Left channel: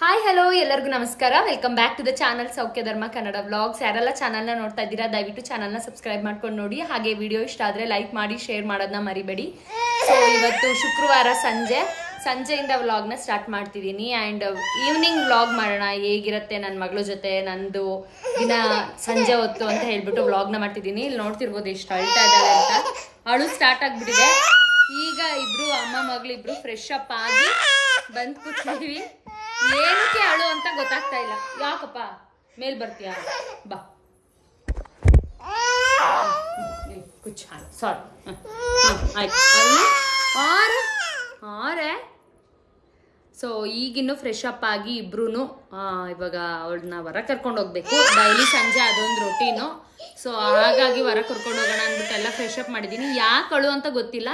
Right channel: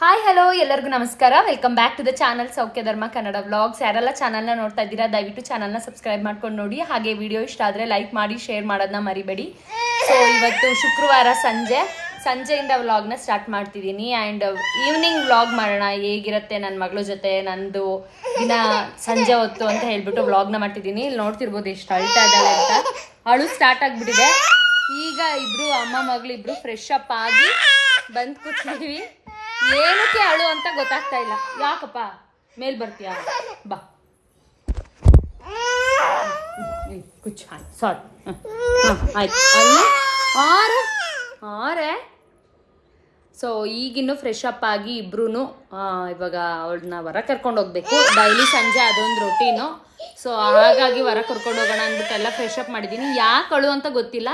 Hi hello ಎಲ್ಲರಿಗೂ ನಮಸ್ಕಾರ. Welcome back to the channel Saukhya Dharma Kannada vlogs. ಯಾರೆಲ್ಲ ಚಾನಲ್ನ ನೋಡ್ತಾ ಇದ್ದೀರಾ ದಯವಿಟ್ಟು ಚಾನಲ್ನ ಸಬ್ಸ್ಕ್ರೈಬ್ ಮಾಡ್ಕೊಂಡು ನೋಡಿ. ಹಾಗೆ ವಿಡಿಯೋ ಇಷ್ಟ ಆದರೆ ಲೈಕ್ ಮಾಡಿ ಶೇರ್ ಮಾಡೋದನ್ನ ಮರಿಬೇಡಿ. ಸೊ ಇವತ್ತು ಶುಕ್ರವಾರ ಸಂಜೆಯಿಂದ ವ್ಲಾಗ್ನ ಸ್ಟಾರ್ಟ್ ಮಾಡ್ತಿದ್ದೀನಿ. ಆ್ಯಂಡ್ ಈವ್ನಿಂಗ್ ವ್ಲಾಗ್ ಮಾಡೋಣ, ಹೇಗಿರುತ್ತೆ ನನ್ನ ಮಗಳ ಜೊತೆ ನಂದು ದಿನ ಸಂಜೆ ಹೊತ್ತು ಅಂತ ಹೇಳ್ಬಿಟ್ಟು ವ್ಲಾಗ್ನ ಮಾಡ್ತಿದ್ದೀನಿ. ಇಲ್ಲಿ ನೋಡ್ತಿರ್ಬೋದು ಎಷ್ಟು ಅಳ್ತಾ ಇದ್ದಾಳೆ ಅಂತ. ಅಳು ಸ್ಟಾರ್ಟ್ ಆಗಿಬಿಟ್ಟಿದೆ. ಈಗ ಇಬ್ರು ಅಮ್ಮ ಮಗಳಿಬ್ರು ಫ್ರೆಶ್ ಅಪ್ ಆಗಿ ಬಂದು ಕೂತಿದ್ದೀವಿ. ಏನಕ್ಕೆ ಅಳು ಅಂತ ಗೊತ್ತಾಗ್ತಾ ಇಲ್ಲ. ಯಾಕಪ್ಪ ಮೇಲ್ ಬರ್ತೀಯ? ಬಾ ಕುಚ್ ಸಾರಿ ಆಯ್ತು ಆರೆ. ಸೊ ಈಗಿನ್ನು ಫ್ರೆಶ್ ಅಪ್ ಆಗಿ ಇಬ್ರು ಇವಾಗ ಅವಳನ್ನ ಹೊರ ಕರ್ಕೊಂಡು ಹೋಗ್ಬೇಕು. ಡೈಲಿ ಸಂಜೆ ಅದೊಂದು ರೊಟೀನು. ಸೊ ಹಾಗಾಗಿ ಹೊರ ಕರ್ಕೊಂಡು ಹೋಗೋಣ ಅಂದ್ಬಿಟ್ಟು ಎಲ್ಲ ಫ್ರೆಶ್ ಅಪ್ ಮಾಡಿದ್ದೀನಿ. ಯಾಕೆ ಅಳು ಅಂತ ಗೊತ್ತಿಲ್ಲ.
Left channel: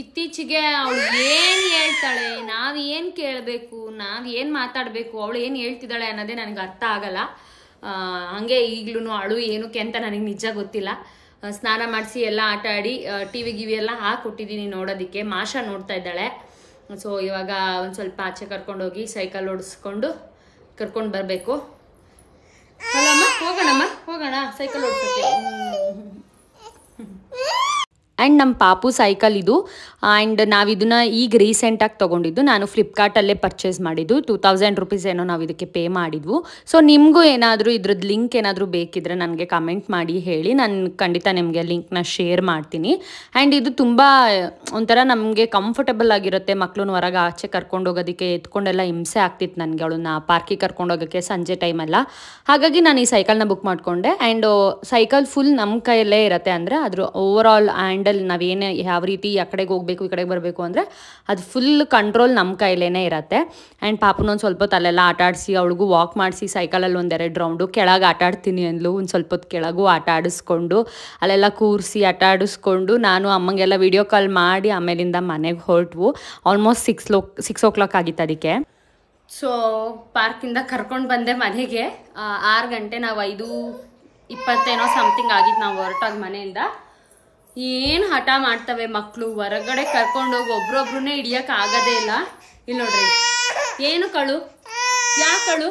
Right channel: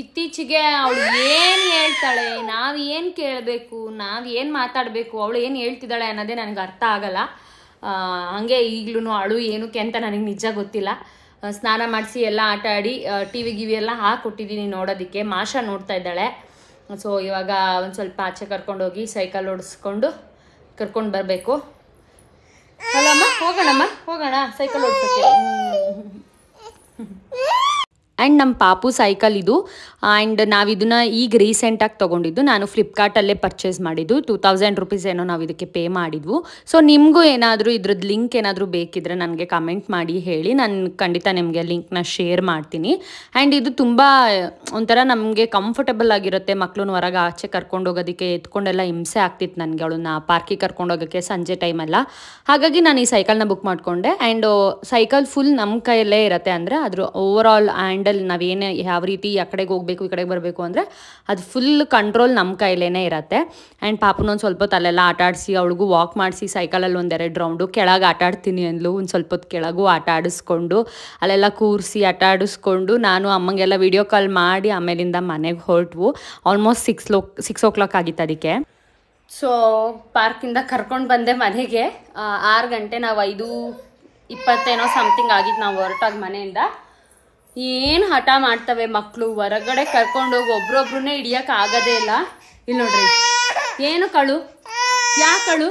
ಇತ್ತೀಚೆಗೆ ಅವಳು ಏನು ಹೇಳ್ತಾಳೆ, ನಾವು ಏನು ಕೇಳಬೇಕು, ನಾವು ಏನು ಮಾತಾಡಬೇಕು, ಅವಳು ಏನು ಹೇಳ್ತಿದ್ದಾಳೆ ಅನ್ನೋದೇ ನನಗೆ ಅರ್ಥ ಆಗಲ್ಲ. ಹಾಗೆ ಈಗಲೂ ಅಳು ಏನಕ್ಕೆ ಅಂತ ನನಗೆ ನಿಜ ಗೊತ್ತಿಲ್ಲ. ಸ್ನಾನ ಮಾಡಿಸಿ ಎಲ್ಲ ಆಟ ಆಡಿ ಟಿವಿ ಎಲ್ಲ ಹಾಕೊಟ್ಟಿದ್ದೀನಿ ನೋಡೋದಕ್ಕೆ. ಮಾಷಾ ನೋಡ್ತಾ ಇದ್ದಾಳೆ. ಸೊ ಇವಾಗ ಒಂದು ಸ್ವಲ್ಪ ಆಚೆ ಕರ್ಕೊಂಡೋಗಿ ಸೈಕಲ್ ಓಡಿಸ್ಕೊಂಡು ಕರ್ಕೊಂಡು ಬರಬೇಕು. ಅಲ್ಲಮ್ಮ ಹೋಗೋಣ ಸೈಕಲ್ ಓಡಿಸೋಕ್ಕೆ. ಆ್ಯಂಡ್ ನಮ್ಮ ಪಾಪು ಸೈಕಲ್ ಇದು. ಆ್ಯಂಡ್ ನಾವು ಇದನ್ನು ಈಗ ರೀಸೆಂಟಾಗಿ ತೊಗೊಂಡಿದ್ದು. ನಾನು ಫ್ಲಿಪ್ಕಾರ್ಟಲ್ಲೇ ಪರ್ಚೇಸ್ ಮಾಡಿದ್ದು. 2000 ರೂಪೀಸ್ ಏನೋ ನಾವು ಇದಕ್ಕೆ ಪೇ ಮಾಡಿದ್ವು. ಸೊ ನಿಮಗೂ ಏನಾದರೂ ಇದ್ರದ್ದು ಲಿಂಕ್ ಏನಾದರೂ ಬೇಕಿದ್ರೆ ನನಗೆ ಕಮೆಂಟ್ ಮಾಡಿ ಹೇಳಿ. ನಾನು ಖಂಡಿತ ನಿಮಗೆ ಲಿಂಕ್ನ ಶೇರ್ ಮಾಡ್ತೀನಿ. ಆ್ಯಂಡ್ ಇದು ತುಂಬ ಒಂಥರ ನಮಗೆ ಕಂಫರ್ಟಬಲ್ ಆಗಿರುತ್ತೆ. ಮಕ್ಕಳನ್ನ ಹೊರಗೆ ಆಚೆ ಕರ್ಕೊಂಡು ಹೋಗೋದಕ್ಕೆ ಎತ್ಕೊಂಡೆಲ್ಲ ಹಿಂಸೆ ಆಗ್ತಿತ್ತು ನನಗೆ ಅವಳನ್ನ ಪಾರ್ಕಿಗೆ ಕರ್ಕೊಂಡು ಹೋಗೋಕ್ಕೆ ಸಂಜೆ ಟೈಮೆಲ್ಲ. ಹಾಗಾಗಿ ನಾನು ಈ ಸೈಕಲ್ನ ಬುಕ್ ಮಾಡಿಕೊಂಡೆ. ಆ್ಯಂಡ್ ಸೈಕಲ್ ಫುಲ್ ನಮ್ಮ ಕೈಯಲ್ಲೇ ಇರುತ್ತೆ. ಅಂದರೆ ಅದ್ರ ಓವರ್ ಆಲ್ ಹ್ಯಾಂಡಲ್ ನಾವೇನೇ ಯಾವ ರೀತಿ ಆ ಕಡೆಗೆ ಹೋಗಬೇಕು ಈ ಕಡೆಗೆ ಬರಬೇಕು ಅಂದರೆ ಅದು ಫುಲ್ ಕಂಟ್ರೋಲ್ ನಮ್ಮ ಕೈಲೇ ಇರುತ್ತೆ. ಆ್ಯಂಡ್ ಪಾಪನೊಂದು ಸ್ವಲ್ಪ ಹೊತ್ತು ಅಲ್ಲೆಲ್ಲ ಆಟ ಆಡಿಸಿ ಅವಳಿಗೂ ವಾಕ್ ಮಾಡಿಸಿ ಸೈಕಲಲ್ಲಿ 1-2 ರೌಂಡು ಕೆಳಗೆ ಆಟ ಆಡ್ತೀನಿ ಅಂದ್ಲು. ಒಂದು ಸ್ವಲ್ಪ ಹೊತ್ತು ಕೆಳಗೂ ಆಟ ಆಡಿಸ್ಕೊಂಡು ಅಲ್ಲೆಲ್ಲ ಕೂರಿಸಿ ಆಟ ಆಡಿಸ್ಕೊಂಡು ನಾನು ಅಮ್ಮಂಗೆಲ್ಲ ವಿಡಿಯೋ ಕಾಲ್ ಮಾಡಿ ಆಮೇಲಿಂದ ಮನೆಗೆ ಹೊರಟ್ವು. ಆಲ್ಮೋಸ್ಟ್ 6 o'clock ಆಗಿತ್ತು ಅದಕ್ಕೆ. ಸೊ ಪಾರ್ಕಿಂದ ಕರ್ಕೊಂಡು ಬಂದೆ ಮನೆಗೆ. 6 ಗಂಟೆ, ನಾವು 5:20 ಸಮಥಿಂಗ್ ಆಗಿತ್ತು ನಾವು ಹೊರಟಾಗ ಮನೆಯಿಂದ. ಏನು ಹಠ ಮಾಡ್ತವೆ ಮಕ್ಕಳು. ಹೊರಗಡೆ ಕರ್ಕೊಂಡೋಗಿ ಒಬ್ರೊಬ್ರನ್ನೇ ಹಿಡಿಯೋಕೆ ಆಗೋದೇ ಇಲ್ಲ. ಇಲ್ಲಿ ನೋಡ್ರಿ ಏನು ಕಳು, ಯಾಕಳು?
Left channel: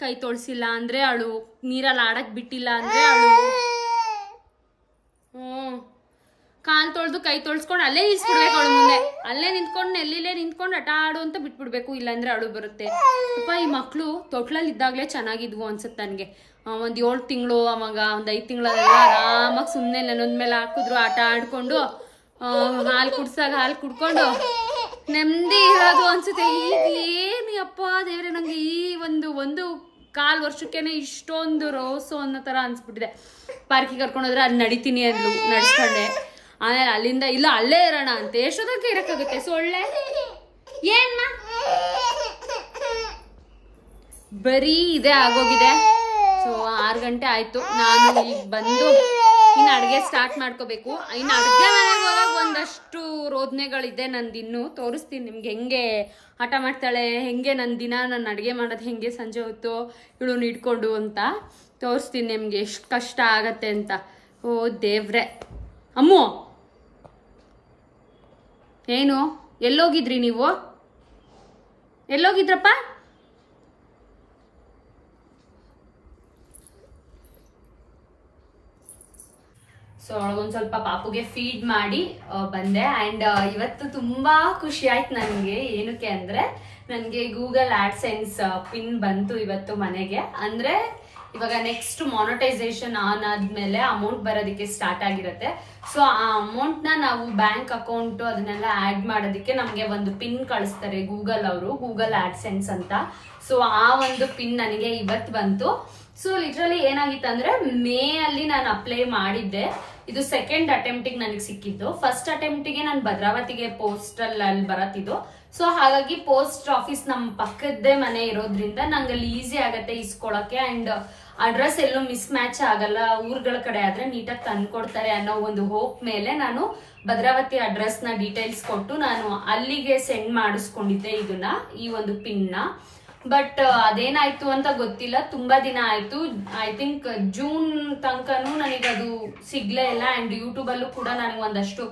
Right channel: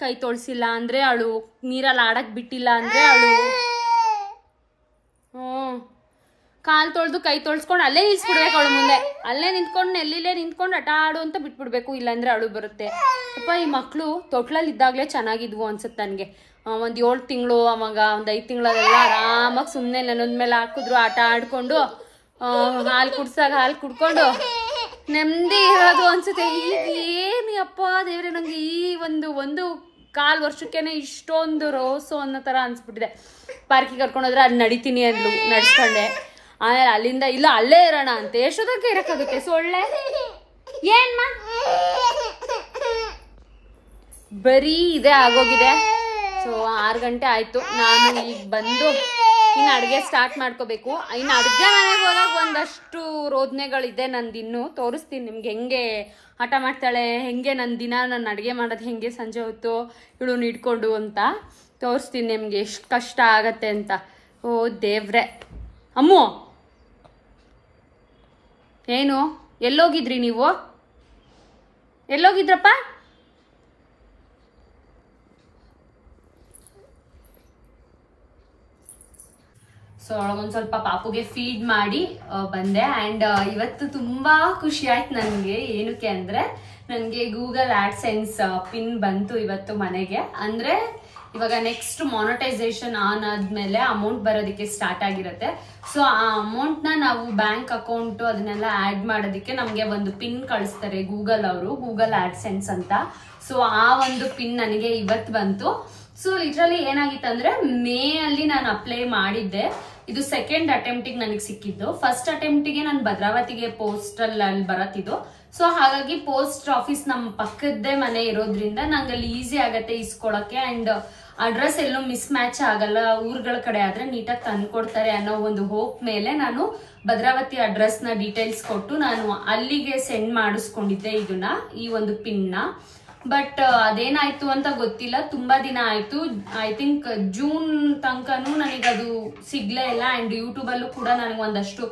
ಕೈ ತೊಳ್ಸಿಲ್ಲ ಅಂದರೆ ಅಳು, ನೀರಲ್ಲಿ ಆಡಕ್ಕೆ ಬಿಟ್ಟಿಲ್ಲ ಅಂದರೆ ಅಳು, ಕಾಲು ತೊಳೆದು ಕೈ ತೊಳ್ಸ್ಕೊಂಡು ಅಲ್ಲೇ ನಿಲ್ಸ್ಬಿಡ್ಬೇಕು ಅವಳು ಮುಂದೆ. ಅಲ್ಲೇ ನಿಂತ್ಕೊಂಡು ನೆಲ್ಲಿಲೇ ನಿಂತ್ಕೊಂಡು ಆಟ ಆಡು ಅಂತ ಬಿಟ್ಬಿಡ್ಬೇಕು, ಇಲ್ಲಾಂದ್ರೆ ಅಳು ಬರುತ್ತೆ. ಅಪ್ಪ ಈ ಮಕ್ಕಳು ತೊಟ್ಲಲ್ಲಿ ಇದ್ದಾಗಲೇ ಚೆನ್ನಾಗಿದ್ವು ಅನ್ಸುತ್ತೆ ನನಗೆ. ಒಂದು 7 ತಿಂಗಳು ಅವಾಗ ಒಂದು 5 ತಿಂಗಳಲ್ಲೆಲ್ಲ ಆರಾಮಾಗಿ ಸುಮ್ಮನೆ ನೆನದ ಮೇಲೆ ಹಾಕಿದ್ರು ಆಟ ಆಡ್ಕೊಂಡು ಹಾಲು ಕುಡ್ಸಾಗ ಹಾಲು ಕುಡ್ಕೊಂಡು ನೆಮ್ಮದಿ ಇರೋದು ಅನ್ಸುತ್ತೆ. ಈಗ ಏನು ಅಪ್ಪ ದೇವ್ರೆ, ನನಗೆ ಈ ಒಂದು 1.25 ವರ್ಷಕ್ಕೇನೆ ಇಷ್ಟೊಂದು ರೋಸು ಅನ್ನೋ ಥರ ಅನ್ಸ್ಬಿಟ್ಟಿದೆ. ಪಾರ್ಕಿಗೆ ಕರ್ಕೊಂಡೋದ್ರೆ ಅಲ್ಲಿ ನಡಿತೀನಿ ಅಂದ್ಲು, ನಡ್ಸ್ಕೊಂಡೆ. ಆಮೇಲೆ ಅಲ್ಲಿಂದ ಇಲ್ಲ ಅಲ್ಲೇ ಇರೋಣ ಅಂತ ಎಷ್ಟೊತ್ತಕ್ಕೆ ಇರೋಕ್ಕಾಗುತ್ತೆ. ಸೊಳ್ಳೆ ಏನ್ಮ ಬರೀ ಇದೇ ಆಗೋಗಿದೆ. ಸೊ 6 ಗಂಟೆ ಆಯಿತು. ನಾನು ಈಗ ಬಂದು ಇನ್ನು ಅಡುಗೆ ಸ್ಟಾರ್ಟ್ ಮಾಡ್ಕೋಬೇಕು. ಇನ್ನು ಅಡುಗೆ ಮನೆಗೆ ಹೋದಾಗ ಒಂದಷ್ಟು ರೋದನೆಗಳಿದೆ ನಂದಿನ್ನು. ತೋರಿಸ್ತೀನಿ ನಿಮ್ಗೆ ಹೆಂಗೆ ಆಟ ಮಾಡ್ತಾಳೆ, ಹೆಂಗೆ ನನ್ನ ದಿನ ನನ್ನ ಅಡುಗೆ ಮಾಡೋದು ಹೆಂಗೆ ಸಂಜೆ ಹೊತ್ತು ಇವಳು ಇಟ್ಕೊಂಡು ಅಂತ ತೋರಿಸ್ತೀನಿ ನಿಮಗೆ ಎಷ್ಟು ಕಷ್ಟ ಆಗತ್ತೆ ಅಂತ. ಓ ದೇವ್ರೆ. ಅಮ್ಮು ಏನು ಎಲ್ಲೋಗಿದ್ರಿ ನೀವು? ಎಲ್ಲೋಗಿದ್ರಪ್ಪ? ಸೊ ಒಂದು ಸ್ವಲ್ಪ ಪಾಪುಗೆ ಫೀಡ್ ಮಾಡಿ ಬಂದೆ. ಆ್ಯಂಡ್ ಇವತ್ತು ತುಂಬಾ ಖುಷಿ ಆಯ್ತು ನನಗೆ. ಏನಕ್ಕೆ ಅಂದರೆ ನನಗೆ ಗೂಗಲ್ ಆಡ್ಸೆನ್ಸ್ ಪಿನ್ ಬಂತು ಇವತ್ತು ಮನೆಗೆ. ಅಂದರೆ ಇವಾಗ ನೆಕ್ಸ್ಟ್ ಮಾನಿಟೈಸೇಷನ್ ಆನ್ ಆದ್ಮೇಲೆ ಅಮೌಂಟ್ ಬರೋದಕ್ಕೆ ಸ್ಟಾರ್ಟ್ ಆಗಿರುತ್ತೆ. ಸೊ ಆ ಅಮೌಂಟ್ನ ನಾವು ಬ್ಯಾಂಕ್ ಅಕೌಂಟು ಅದನ್ನೆಲ್ಲ ಆ್ಯಡ್ ಮಾಡೋದಕ್ಕೆ ನಮಗೆ ಒಂದು ಪಿನ್ ಕಳಿಸ್ತಾರೆ ಗೂಗಲ್ ಅವರು, ಗೂಗಲ್ ಆಡ್ಸೆನ್ಸ್ ಅಂತ. ಸೊ ಆ ಒಂದು ಪಿನ್ ನನಗೆ ಇವತ್ತು ಬಂತು. ಸೊ ಲಿಟ್ರಲಿ ಏನಾಗಿತ್ತು ಅಂದರೆ ಮೇ ಅಲ್ಲಿ ನಾನು ಅಪ್ಲೈ ಮಾಡಿದ್ದೆ. ಇದು ಸೆಕೆಂಡ್ ಅಟೆಂಪ್ಟಿಗೆ ನನಗೆ ಸಿಕ್ಕಿದ್ದು. ಫಸ್ಟ್ ಅಟೆಂಪ್ಟಿಗೆ ನಾನು ಭದ್ರಾವತಿಗೆ ಪೋಸ್ಟಲ್ ಅಲ್ಲಿ ಬರತ್ತಿದ್ದು. ಸೊ ಹಾಗಾಗಿ ಪೋಸ್ಟ್ ಆಫೀಸ್ ನಮ್ಮ ಪಕ್ಕದ್ದೇ ಮನೆ ಇರೋದ್ರಿಂದ ನಂಗೆ ಅಲ್ಲಿ ಈಸಿ ಆಗತ್ತೆ ಇಸ್ಕೊಳಕ್ಕೆ. ಅಂಡ್ ಅಡ್ರೆಸ್ ಎಲ್ಲೂ ಮಿಸ್ ಮ್ಯಾಚ್ ಆಗಲ್ಲ. ಊರುಗಳ ಕಡೆ ಆದ್ರೆ ನೀಟಾಗಿ ತಂದ್ಕೊಡ್ತಾರೆ ಅನ್ನೋ ಒಂದು ಹೋಪ್ ಮೇಲೆ ನಾನು ಭದ್ರಾವತಿ ಅಡ್ರೆಸ್ ನ ಡೀಟೇಲ್ಸ್ ಕೊಟ್ಟು ನಾನು ಅಲ್ಲಿಗೆ ಸೆಂಡ್ ಮಾಡಿಸ್ಕೊಂಡಿದ್ದೆ ಇದನ್ನ, ಈ ಒಂದು ಪಿನ್ ನ. ಬಟ್ ಅದೇನಾಯ್ತು ಅಂತ ಗೊತ್ತಿಲ್ಲ. ತುಂಬಾ ದಿನ ಆಯ್ತು. ಐ ಥಿಂಕ್ ಜೂನ್ ತನಕನೂ ನನಗದು ಸಿಗ್ಲೇ ಇಲ್ಲ. ಅಂಡ್ ಯೂಟ್ಯೂಬ್ ಅಲ್ಲೂ ಕೂಡ ನನಗೆ ಒಂದಷ್ಟು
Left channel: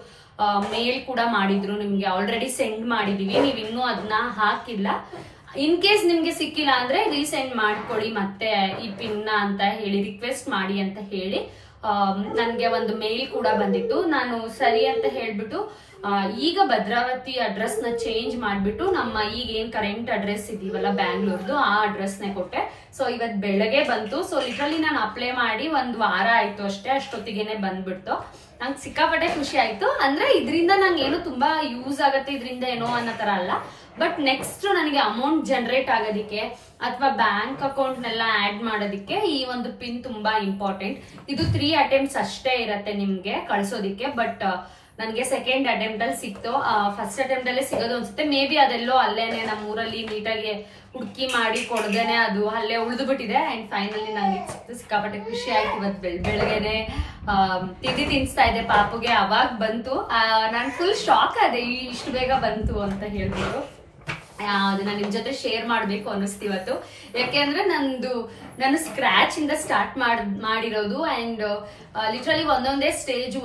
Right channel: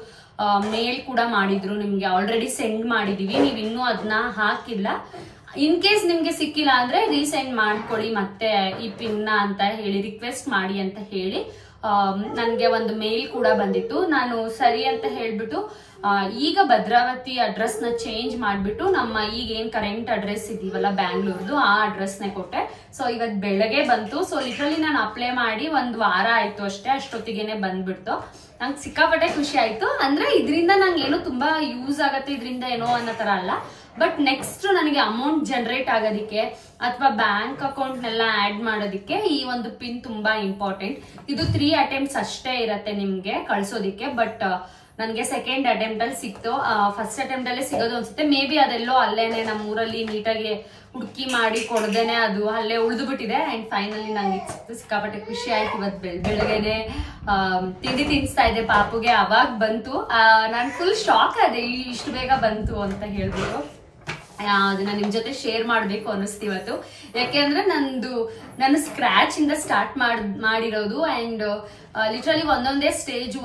ಮೇಲ್ ಕೂಡ ಮಾಡಿದ್ರು, ನಿಮ್ಗೆ ಆಲ್ರೆಡಿ ಸೆಂಡ್ ಮಾಡಿದೀವಿ, ನೀವ್ ಇನ್ನೂ ಅದನ್ನ ಹಾಕಿಲ್ಲ. ಇನ್ ಕೇಸ್ ನಿಮ್ಗೆ ಸಿಕ್ಕಿಲ್ಲ ಅಂದ್ರೆ ರೀಸೆಂಡ್ ಮಾಡ್ಕೊಳ್ಳಿ ಮತ್ತೆ ಈ ಪಿನ್ನ ಅಂತ ಹೇಳಿ ರಿಕ್ವೆಸ್ಟ್ ಮಾಡಿ ಅಂತ ಹೇಳಿ ನನ್ಗೆ ಒಂದು ಮೇಲ್ ಕೂಡ ಬಂದಿತ್ತು. ನಾನು ಸರಿ ಅಂತ ಹೇಳ್ಬಿಟ್ಟು ಈಗ ಭದ್ರಾವತಿ ಅಡ್ರೆಸ್ ನ ಚೇಂಜ್ ಮಾಡ್ಬಿಟ್ಟು ನಮ್ಮ ಈಗ ಏನ್ ಕರೆಂಟ್ ಅಡ್ರೆಸ್ ಇದೀವಲ್ಲ ಬ್ಯಾಂಗ್ಳೂರ್ದು ಆ ಅಡ್ರೆಸ್ ನೇ ಕೊಟ್ಟೆ. ಸೊ ಇವತ್ ಬೆಳಗ್ಗೆ ಬಂತು. ಸೊ ಲಿಟ್ರಲಿ ನಾನು ಅಪ್ಲೈ ಮಾಡಿ 1 ವಾರ ಆಯ್ತು ಅಷ್ಟೇ, ಅಷ್ಟೊತ್ತಿಗೆನೆ ಬಂದ್ಬಿಡ್ತು. ನಂಗೆ ಸಿಕ್ಕಾಪಟ್ಟೆ ಖುಷಿ ಆಯ್ತು. ಅಂದ್ರೆ ಇದರಿಂದ ನಂಗೆ ಏನೋ ತುಂಬಾ ಯೂಸ್ ಆಗತ್ತೆ ಇದರಿಂದ ಏನೋ ಅನ್ನೋ ತರ ಅಲ್ಲ, ಬಟ್ ನೆಕ್ಸ್ಟ್ ನನಗೆ ಅಮೌಂಟ್ ಜನರೇಟ್ ಆಗೋದಿಕ್ಕೆ ಅಥವಾ ಬ್ಯಾಂಕ್ ಅಕೌಂಟ್ ನೆಲ್ಲ ಆಡ್ ಮಾಡೋದಿಕ್ಕೆ ಈ ಒಂದು ಪಿನ್ ತುಂಬಾ ಇಂಪಾರ್ಟೆಂಟ್. ಇದು 3 ಅಟೆಂಪ್ಟ್ಸ್ ಅಷ್ಟೇ ಇರತ್ತೆ ನಿಮ್ಗೆ ಕಳ್ಸೋದಿಕ್ಕೆ, ಬಟ್ ನನ್ಗೆ ಸೆಕೆಂಡ್ ಅಟೆಂಪ್ಟ್ ಅಲ್ಲಿ ಸಿಕ್ತು. ಫಸ್ಟ್ ಅಟೆಂಪ್ಟ್ ಅಲ್ಲೇ ಸಿಗೋದು ಅನ್ಸುತ್ತೆ. ಮೇ ಬಿ ಅದೆಲ್ಲೋ ಅಲ್ಲೇನೆ ನಮ್ಮ ಊರಲ್ಲಿ ನೀಟಾಗಿ ಹುಡುಕಿ ಮಾಡಿ ಕೊಡ್ದೇನೆ ಅದು ಅಲ್ಲೇ ಉಳಿದು ಬಿಟ್ಟಿದೆ. ಅಂಡ್ ಫೈನಲಿ ನಂಗೆ ಸಿಕ್ಕಾಪಟ್ಟೆ ಖುಷಿ ಆಯ್ತು. ಇವತ್ತು ಬೆಳಗ್ಗೆನೆ ತಿಂಡಿ ತಿನ್ಸ್ತಾ ಇದ್ದೆ ಪಾಪುಗೆ, ಅವಾಗ ಬಂತು. ನಾನು ಫುಲ್ ಶಾಕ್ ಆದೆ ಇಷ್ಟು ಬೇಗ ಬಂತು ಅಂತ ಹೇಳ್ಬಿಟ್ಟು. ಅದನ್ನ ನಿಮ್ ಜೊತೆ ಶೇರ್ ಮಾಡ್ಬೇಕು ಅನ್ನಿಸ್ತಿವತ್ತು. ಯಾಕೆಂದ್ರೆ ನಾನು ಸ್ಕ್ರಾಚ್ ಇಂದ ಸ್ಟಾರ್ಟ್ ಮಾಡಿರೋದು. ಅಂಡ್ ಲಿಟ್ರಲಿ ಒಂದೊಂದೇ ಸ್ಟೇಜ್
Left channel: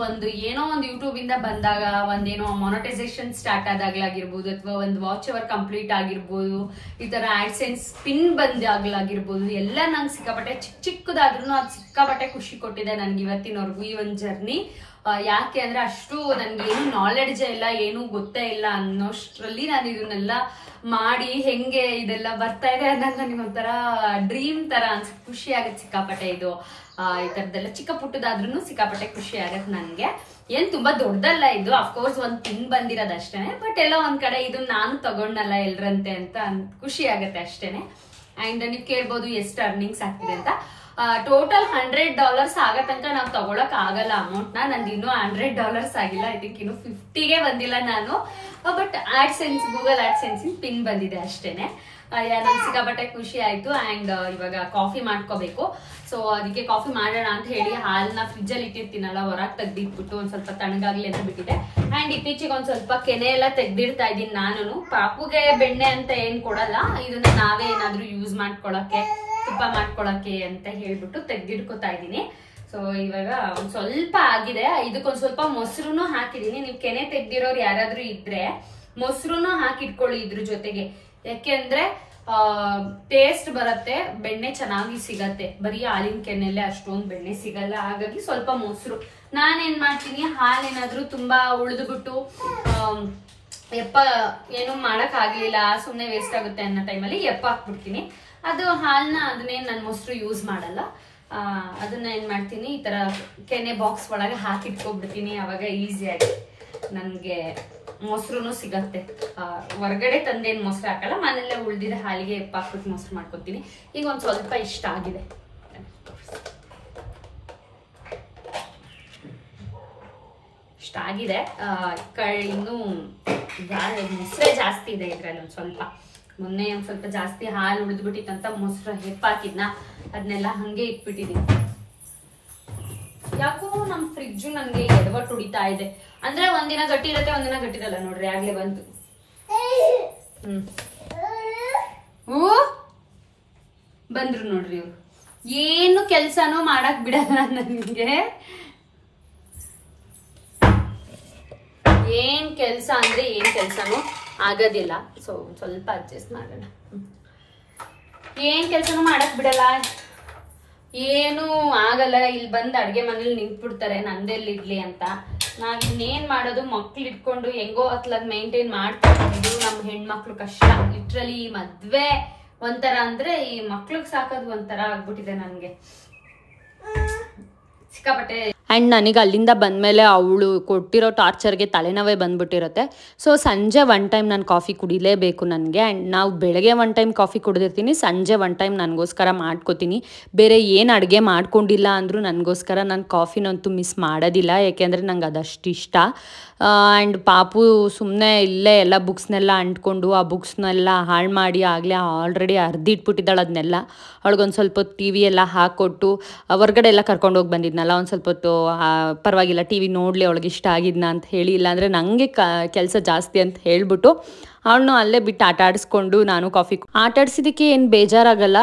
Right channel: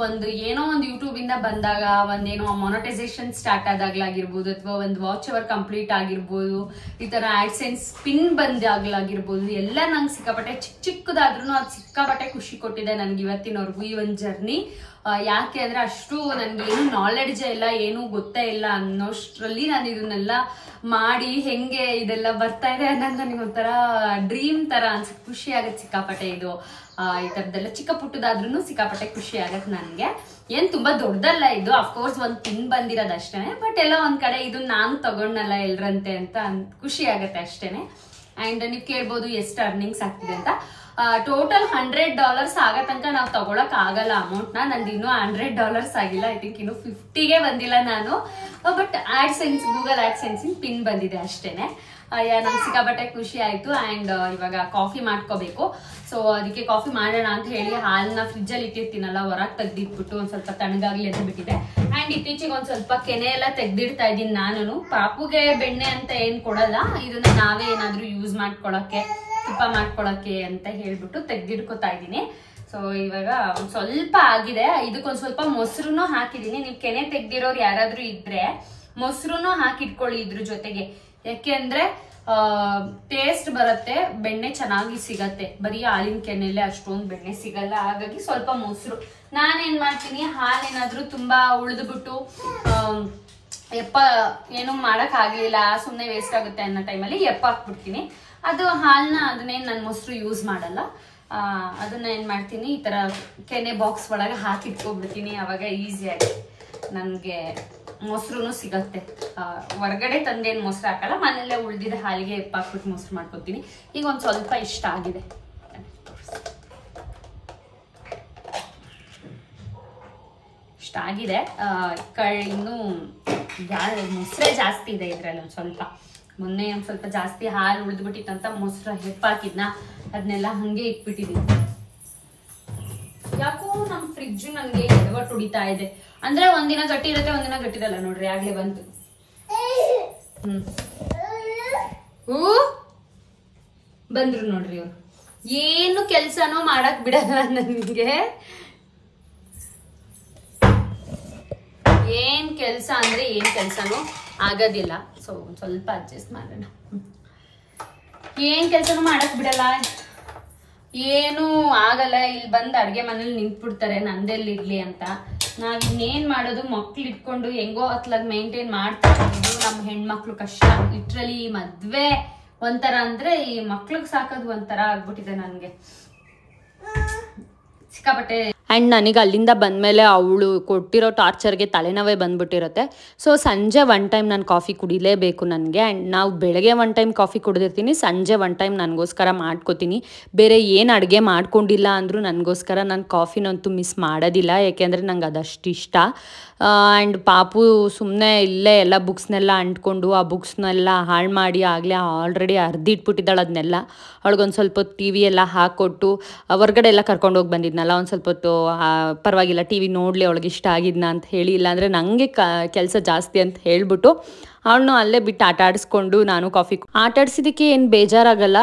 ಏನೋ ಒಂದು ಯೂಟ್ಯೂಬ್ ಇಂದ ಬಂದಾಗ ಒಂದೇನೋ ಮಾನಿಟೈಸೇಷನ್ ಸ್ಟಾರ್ಟ್ ಆದಾಗ್ಲಾಗಿರ್ಬೋದು, ಅಥವಾ ಒಂದು ವಾಚ್ ಅವರ್ ಕಂಪ್ಲೀಟ್ ಆಗಿರ್ಬೋದು, ಈ ತರ ಆಡ್ಸೆನ್ಸ್ ಪಿನ್ ಬಂದಾಗ್ಲಾಗಿರ್ಬೋದು, ಎಲ್ಲ ನಂಗೆ ಸಿಕ್ಕಾಪಟ್ಟೆ ಚಿಕ್ಕದಾದ್ರೂ ಅದು ಸಿಕ್ಕಾಪಟ್ಟೆ ಖುಷಿ ಕೊಟ್ಟಿದೆ ನನ್ಗೆ ಇವತ್ತಿನವರೆಗೂ ಈ ಒಂದು ಜರ್ನಿ. ಯಾಕೆ ಅಂದ್ರೆ ಅಷ್ಟು ನನ್ಗೆ ಏನು ನಾಲೆಡ್ಜ್ ಇಲ್ಲ, ಏನು ಗೊತ್ತೇ ಇಲ್ಲ ಅನ್ನೋಷ್ಟ್ರಲ್ಲಿ ನಾನು ಇದನ್ನೆಲ್ಲ ಮಾಡಿ ಹೆಂಗೆ ಇದೆಲ್ಲ ಬರ್ತಾ ಇದೆ ಅನ್ನೋದು ಒಂಥರ ಡ್ರೀಮ್ ತರ ಅನ್ಸುತ್ತೆ. ಖುಷಿ ಆಗತ್ತೆ ಸಿಕ್ಕಾಪಟ್ಟೆ. ಇದು ಈ ತರದೆಲ್ಲ ಚಿಕ್ಕ ಪುಟ್ಟದಾದ್ರೂ ಸಿಕ್ಕಾಪಟ್ಟೆ ಖುಷಿ ಆಗತ್ತೆ ನನ್ಗೆ. ಏನ್ ತುಂಬಾ ದೊಡ್ಡದಲ್ಲ ಇದು, ಅಫ್ಕೋರ್ಸ್ ಒಂದ್ ಪಿನ್ ಬಂದಿರೋದಷ್ಟೇನೆ, ಬಟ್ ಎಲ್ಲ ಒಂದ್ ಕಡೆ ಇದು ನಾನು ತಗೊಂಡಲ್ಲ ಎಲ್ರಂತೆ ಅಂತ ಖುಷಿ ಆಗತ್ತೆ ಅಷ್ಟೇನೆ. ಅಂಡ್ ನೀವ್ ಕೇಳ್ಬೋದು ಎಷ್ಟು ಅರ್ನಿಂಗ್ಸ್ ಆಗ್ತಿದೆ ಅಂತ. ಟೋಟಲ್ $100 ಆಗೋ ತನಕ ನಾವು ತಗೊಳಕ್ ಆಗಲ್ಲ ಅಮೌಂಟ್ ನ. ನಂದು ಇನ್ನೂ $100 ಆಗಿಲ್ಲ. ಐ ಥಿಂಕ್ ಇನ್ನು 50ಗೆ ಬಂದಿಲ್ಲ ನಾನು. But AdSense, Google AdSense pin ಬಂದಿದೆ ಅಷ್ಟೇನೆ. ನಂಗೆ ಸಿಕ್ಕಾಪಟ್ಟೆ ಖುಷಿ ಆಯ್ತು. ಅಂಡ್ ಇವಾಗ ಕಾಫಿ ಮಾಡ್ಕೋಬೇಕು. ಸೊ ಅದಕ್ಕೆ ಕಾಫಿ ಮಾಡೋಣ ಅಂತ ಹೇಳಿ ಹಾಲನ್ನ ಫ್ರಿಜ್ ಅಲ್ಲಿ ಇಟ್ಟಿರ್ತೀನಲ್ಲ, ಹೊರಗೆ ತೆಗ್ದಿಟ್ಬಿಟ್ಟು ಒಂದ್ ಸ್ವಲ್ಪ ತಣ್ಣಗಾಗ್ಲಿ ಅಂತ ಬಿಟ್ಟಿದೆ. ಅಂಡ್ ಇತ್ತೀಚೆಗೆ ಒಂದ್ ಸ್ವಲ್ಪ ಕೆನೆ ಎಲ್ಲ ತೆಗ್ದಿಡ್ತಾ ಇದ್ದೀನಿ ನಾನು. ಪಾಪುಗೆ ಬೆಣ್ಣೆ ಅಂತ ಏನ್ ಕೊಡಲ್ಲ, ಇದನ್ನ ನಾವೇ ಏನಾದ್ರೂ ಯೂಸ್ ಮಾಡ್ಕೊಳಕ್ಕೆ, ತುಪ್ಪ ಮಾಡ್ಕೊಳಕ್ಕೆ ಅಂತ ಹೇಳ್ಬಿಟ್ಟು ತೆಗ್ದಿಡ್ಕೊತಾ ಇದ್ದೀನಿ. ಸೊ ಇವಾಗ ಒಂದ್ ಸ್ವಲ್ಪ ಆಗಿದೆ. ಇದಕ್ಕೊಂದ್ ಸ್ವಲ್ಪ ಮೊಸರುನು ಹಾಕಿದೀನಿ. ನೀವು ಕೆನೆ ತೆಗ್ದಿರೋರು ಯಾರಾದ್ರೂ ಇದ್ರೆ ಮೊಸರುನು ಹಾಕಿಟ್ಕೊಳ್ಳಿ ಇದ್ರ ಜೊತೆಗೆ. ಯಾಕೆಂದ್ರೆ ಟೇಸ್ಟ್ ಬರುತ್ತೆ, ಬೆಣ್ಣೆ ಚೆನ್ನಾಗಿ ಸಿಗತ್ತೆ. ಬರೀ ಹಾಲಿನ ಕೆನೆಯಲ್ಲೇ ಅಷ್ಟೊಂದು ಬೆಣ್ಣೆ ಸಿಗಲ್ಲ. ಹಾಗಾಗಿ ಸ್ವಲ್ಪ ಮೊಸರು. ನಾನೇನ್ ಮಾಡ್ತೀನಿ, ಹಾಲೇನಾದ್ರೂ ತುಂಬಾ ಉಳಿದ್ಬಿಟ್ಟು ಏನು ಮಾಡಕ್ ಆಗ್ಲಿಲ್ಲ, ಸುಮ್ನೆ ವೇಸ್ಟ್ ಆಗುತ್ತೆ ಅನ್ನೋ ಟೈಮಲ್ಲಿ ಹಾಕ್ಬಿಡ್ತೀನಿ. ಅದು ಹಾಲ್ನ ಅದನ್ನೇನ್ ನಾನು ಮೊಸರು ಯೂಸ್ ಮಾಡಲ್ಲ. ಅದನ್ನ ಏನ್ ಮಾಡ್ತೀನಿ, ಈ ತರ ಕೆನೆ ಬಾಕ್ಸ್ ಒಳಗೆ ಹಾಕಿಟ್ಕೊಬಿಡ್ತೀನಿ. ಅವಾಗ ಈಸಿಯಾಗಿ ನನ್ಗೆ ಮೊಸರು ಸಿಗತ್ತೆ. ಹೊರಗಡೆ ತಂದೇನ್ ಮೊಸರು ಹಾಕಲ್ಲ, ಮನೆಯಲ್ಲೇ ಉಳ್ದಿದೆ ಹಾಲಿಗೆ ಹಾಕ್ಬಿಟ್ಟು ಮೊಸರು ಮಾಡ್ಕೊತೀನಿ. ಈಗ ಒಂದ್ ಸ್ವಲ್ಪ ಇಷ್ಟ ಆಗಿದೆ, ಇಷ್ಟ ಆಗಿದೆ. ಇನ್ನು ಮೊಸರೇ ಜಾಸ್ತಿ ಇದೆ ಇದ್ರಲ್ಲಿ. ಒಂದ್ ಸ್ವಲ್ಪ ಮೊನ್ನೆ ಒಂದ್ ಸ್ವಲ್ಪ ಜಾಸ್ತಿ ಹಾಲು ಉಳಿದ್ಬಿಟ್ಟಿತ್ತಂತ ಮೊಸರು ಹಾಕಿದ್ನ, ಅದನ್ನೆಲ್ಲ ಹಂಗೆ ಇಟ್ಬಿಟ್ಟಿದೀನಿ. ಯಾಕೋ ನಮ್ ಫ್ರಿಡ್ಜ್ ನಮ್ಗೆ ಎಡವಟ್ಟು ಹೊಡಿತಾ ಇದೆ. ಅಂದ್ರೆ ಒಂದಿನ ಗಟ್ಟಿ ಇರುತ್ತೆ, ಒಂದಿನ ಗಟ್ಟಿರಲ್ಲ. ನೋಡ್ರಿ ಆಗ್ಲೇ ಬಂತು. ಬಂದ್ರು ನೋಡ್ರಿ ಇವ್ರು. ಏನು ಕೆಲ್ಸನೂ ಮಾಡಕ್ ಬಿಡಲ್ಲ ನನ್ಗೆ. ಏನ್ ಕೆಲ್ಸ ಅಂದ್ರೆ ಏನ್ ಕೆಲ್ಸನೂ ಆಗೋದಿಲ್ಲ. ಸೊ ಸ್ವಲ್ಪ ಅಡ್ಜಸ್ಟ್ ಮಾಡೋಣ. ಏನ್ ಕೆಲ್ಸನೂ ಮಾಡಕ್ ಬಿಡಲ್ಲ, ಏನು ಆಗಲ್ಲ. ಇಲ್ಲಿ ಬಂದ್ ಅಡ್ಗೆ ಮನೇಲಿ ನಿಂತ್ಬಿಡ್ತಾರೆ ನಂದೆಲ್ಲಿರ್ಲಿ ಅಂತ. ನಾವ್ ಇನ್ನೇನ್ ಮಾಡೋದು, ಮಕ್ಳು ಇಟ್ಕೊಂಡು ಹೆಂಗೋ ಅತ್ಲಾಗ್ ಮೇಂಟೈನ್ ಮಾಡ್ತಾರೆ. ಇದು ನಮ್ ಹೆಣ್ಮಕ್ಳು ಕಷ್ಟ. ಲಿಟ್ರಲಿ ಮದ್ವೆ ಒಂಥರ ಅಂದ್ರೆ ಈ ಮಕ್ಳಿಗೆ ಸಾಕೋದು ಒಂಥರ ಆಗ್ಬಿಟ್ಟಿದೆ ನನ್ಗೆ ಸಿಕ್ಕಾಪಟ್ಟೆ. ಆ್ಯಂಡ್ ನನಗೆ ಅಲ್ಲಿಂದ ಬಂದಮೇಲೆ ಅವಳು ಕೊಟ್ಟಿರೋ ಟಾರ್ಚರ್ಗೆ ತಲೆನೋವೇ ಬಂದುಬಿಟ್ಟಿರುತ್ತೆ. ಸೊ ಸಂಜೆ 1 ಟೈಮ್ ನಾನು ಕಾಫಿ ಕುಡಿಲೇಬೇಕು ನನಗೆ. ಆ್ಯಂಡ್ ನಾವು ಬೆಳಗ್ಗೆ 1 ಟೈಮ್ ಕಾಫಿ ಕುಡಿದಿರ್ತೀನಿ, ಸಂಜೆ 1 ಟೈಮ್ ನನಗೋಸ್ಕರ ಮಾಡ್ಕೋತೀನಿ. ಬೇರೆ ಏನು ಅಡುಗೆ ಮಾಡ್ಕೊಂಡಿಲ್ಲ ಅಂದರೂ ನನಗೋಸ್ಕರ ನಾನು ಕಾಫಿನಂತೂ ಮಿಸ್ ಮಾಡೋದಿಲ್ಲ, ಏಕೆಂದರೆ ನಂಗೆ ಅದಷ್ಟು ಇಷ್ಟ. ಆ್ಯಂಡ್ ಪಾಪು ಸುಮ್ಮನೆ ಇಲ್ಲೇ ಎಲ್ಲ ಬುಕ್ಸ್ನೆಲ್ಲ ಅಂಟ್ಕೊಂಡು ಆ ಬುಕ್ಸ್ನೆಲ್ಲ ಹಾಳು ಮಾಡಿ ಆಗಲೇ ಆಲ್ರೆಡಿ ಅರ್ದಿಟ್ಬಿಟ್ಟಿದ್ದಾಳೆ ಅದನ್ನೆಲ್ಲ. ಅವಳಿಗೊಂದು ಸ್ವಲ್ಪ ಹೊತ್ತು ಟಿ ವಿ ಎಲ್ಲ ಹಾಕ್ಕೊಟ್ಟು ಹೊರ್ಗಡೆ ಎಲ್ಲ ಕರ್ಕೊಂಡೋಗಿ ಬಂದಿದ್ನಲ್ಲ, ಒಂದು ಸ್ವಲ್ಪ ಹೊತ್ತು ಪರವಾಗಿಲ್ಲ ಟಿ ವಿ ನೋಡಲಿ ಅವಳಿಗೆ ಇಷ್ಟ ಆಗಿದ್ನ ಅಂತ ಹೇಳಿ, ಇಲ್ಲಾಂದರೆ ನನಗೆ ಕೆಲಸ ಜಾಸ್ತಿ ಅಂತ ಹೇಳಿಬಿಟ್ಟು ಅವಳನ್ನು ಅಲ್ಲೇ ಬಿಟ್ಟು ಆಟ ಆಡಿಸ್ಕೊಂಡು ನಾನು ಕಾಫಿ ಆಟಾಡ್ಸಿದ್ದಕ್ಕೆ ಏನು ಬೇಜಾರಾಗಲ್ಲ.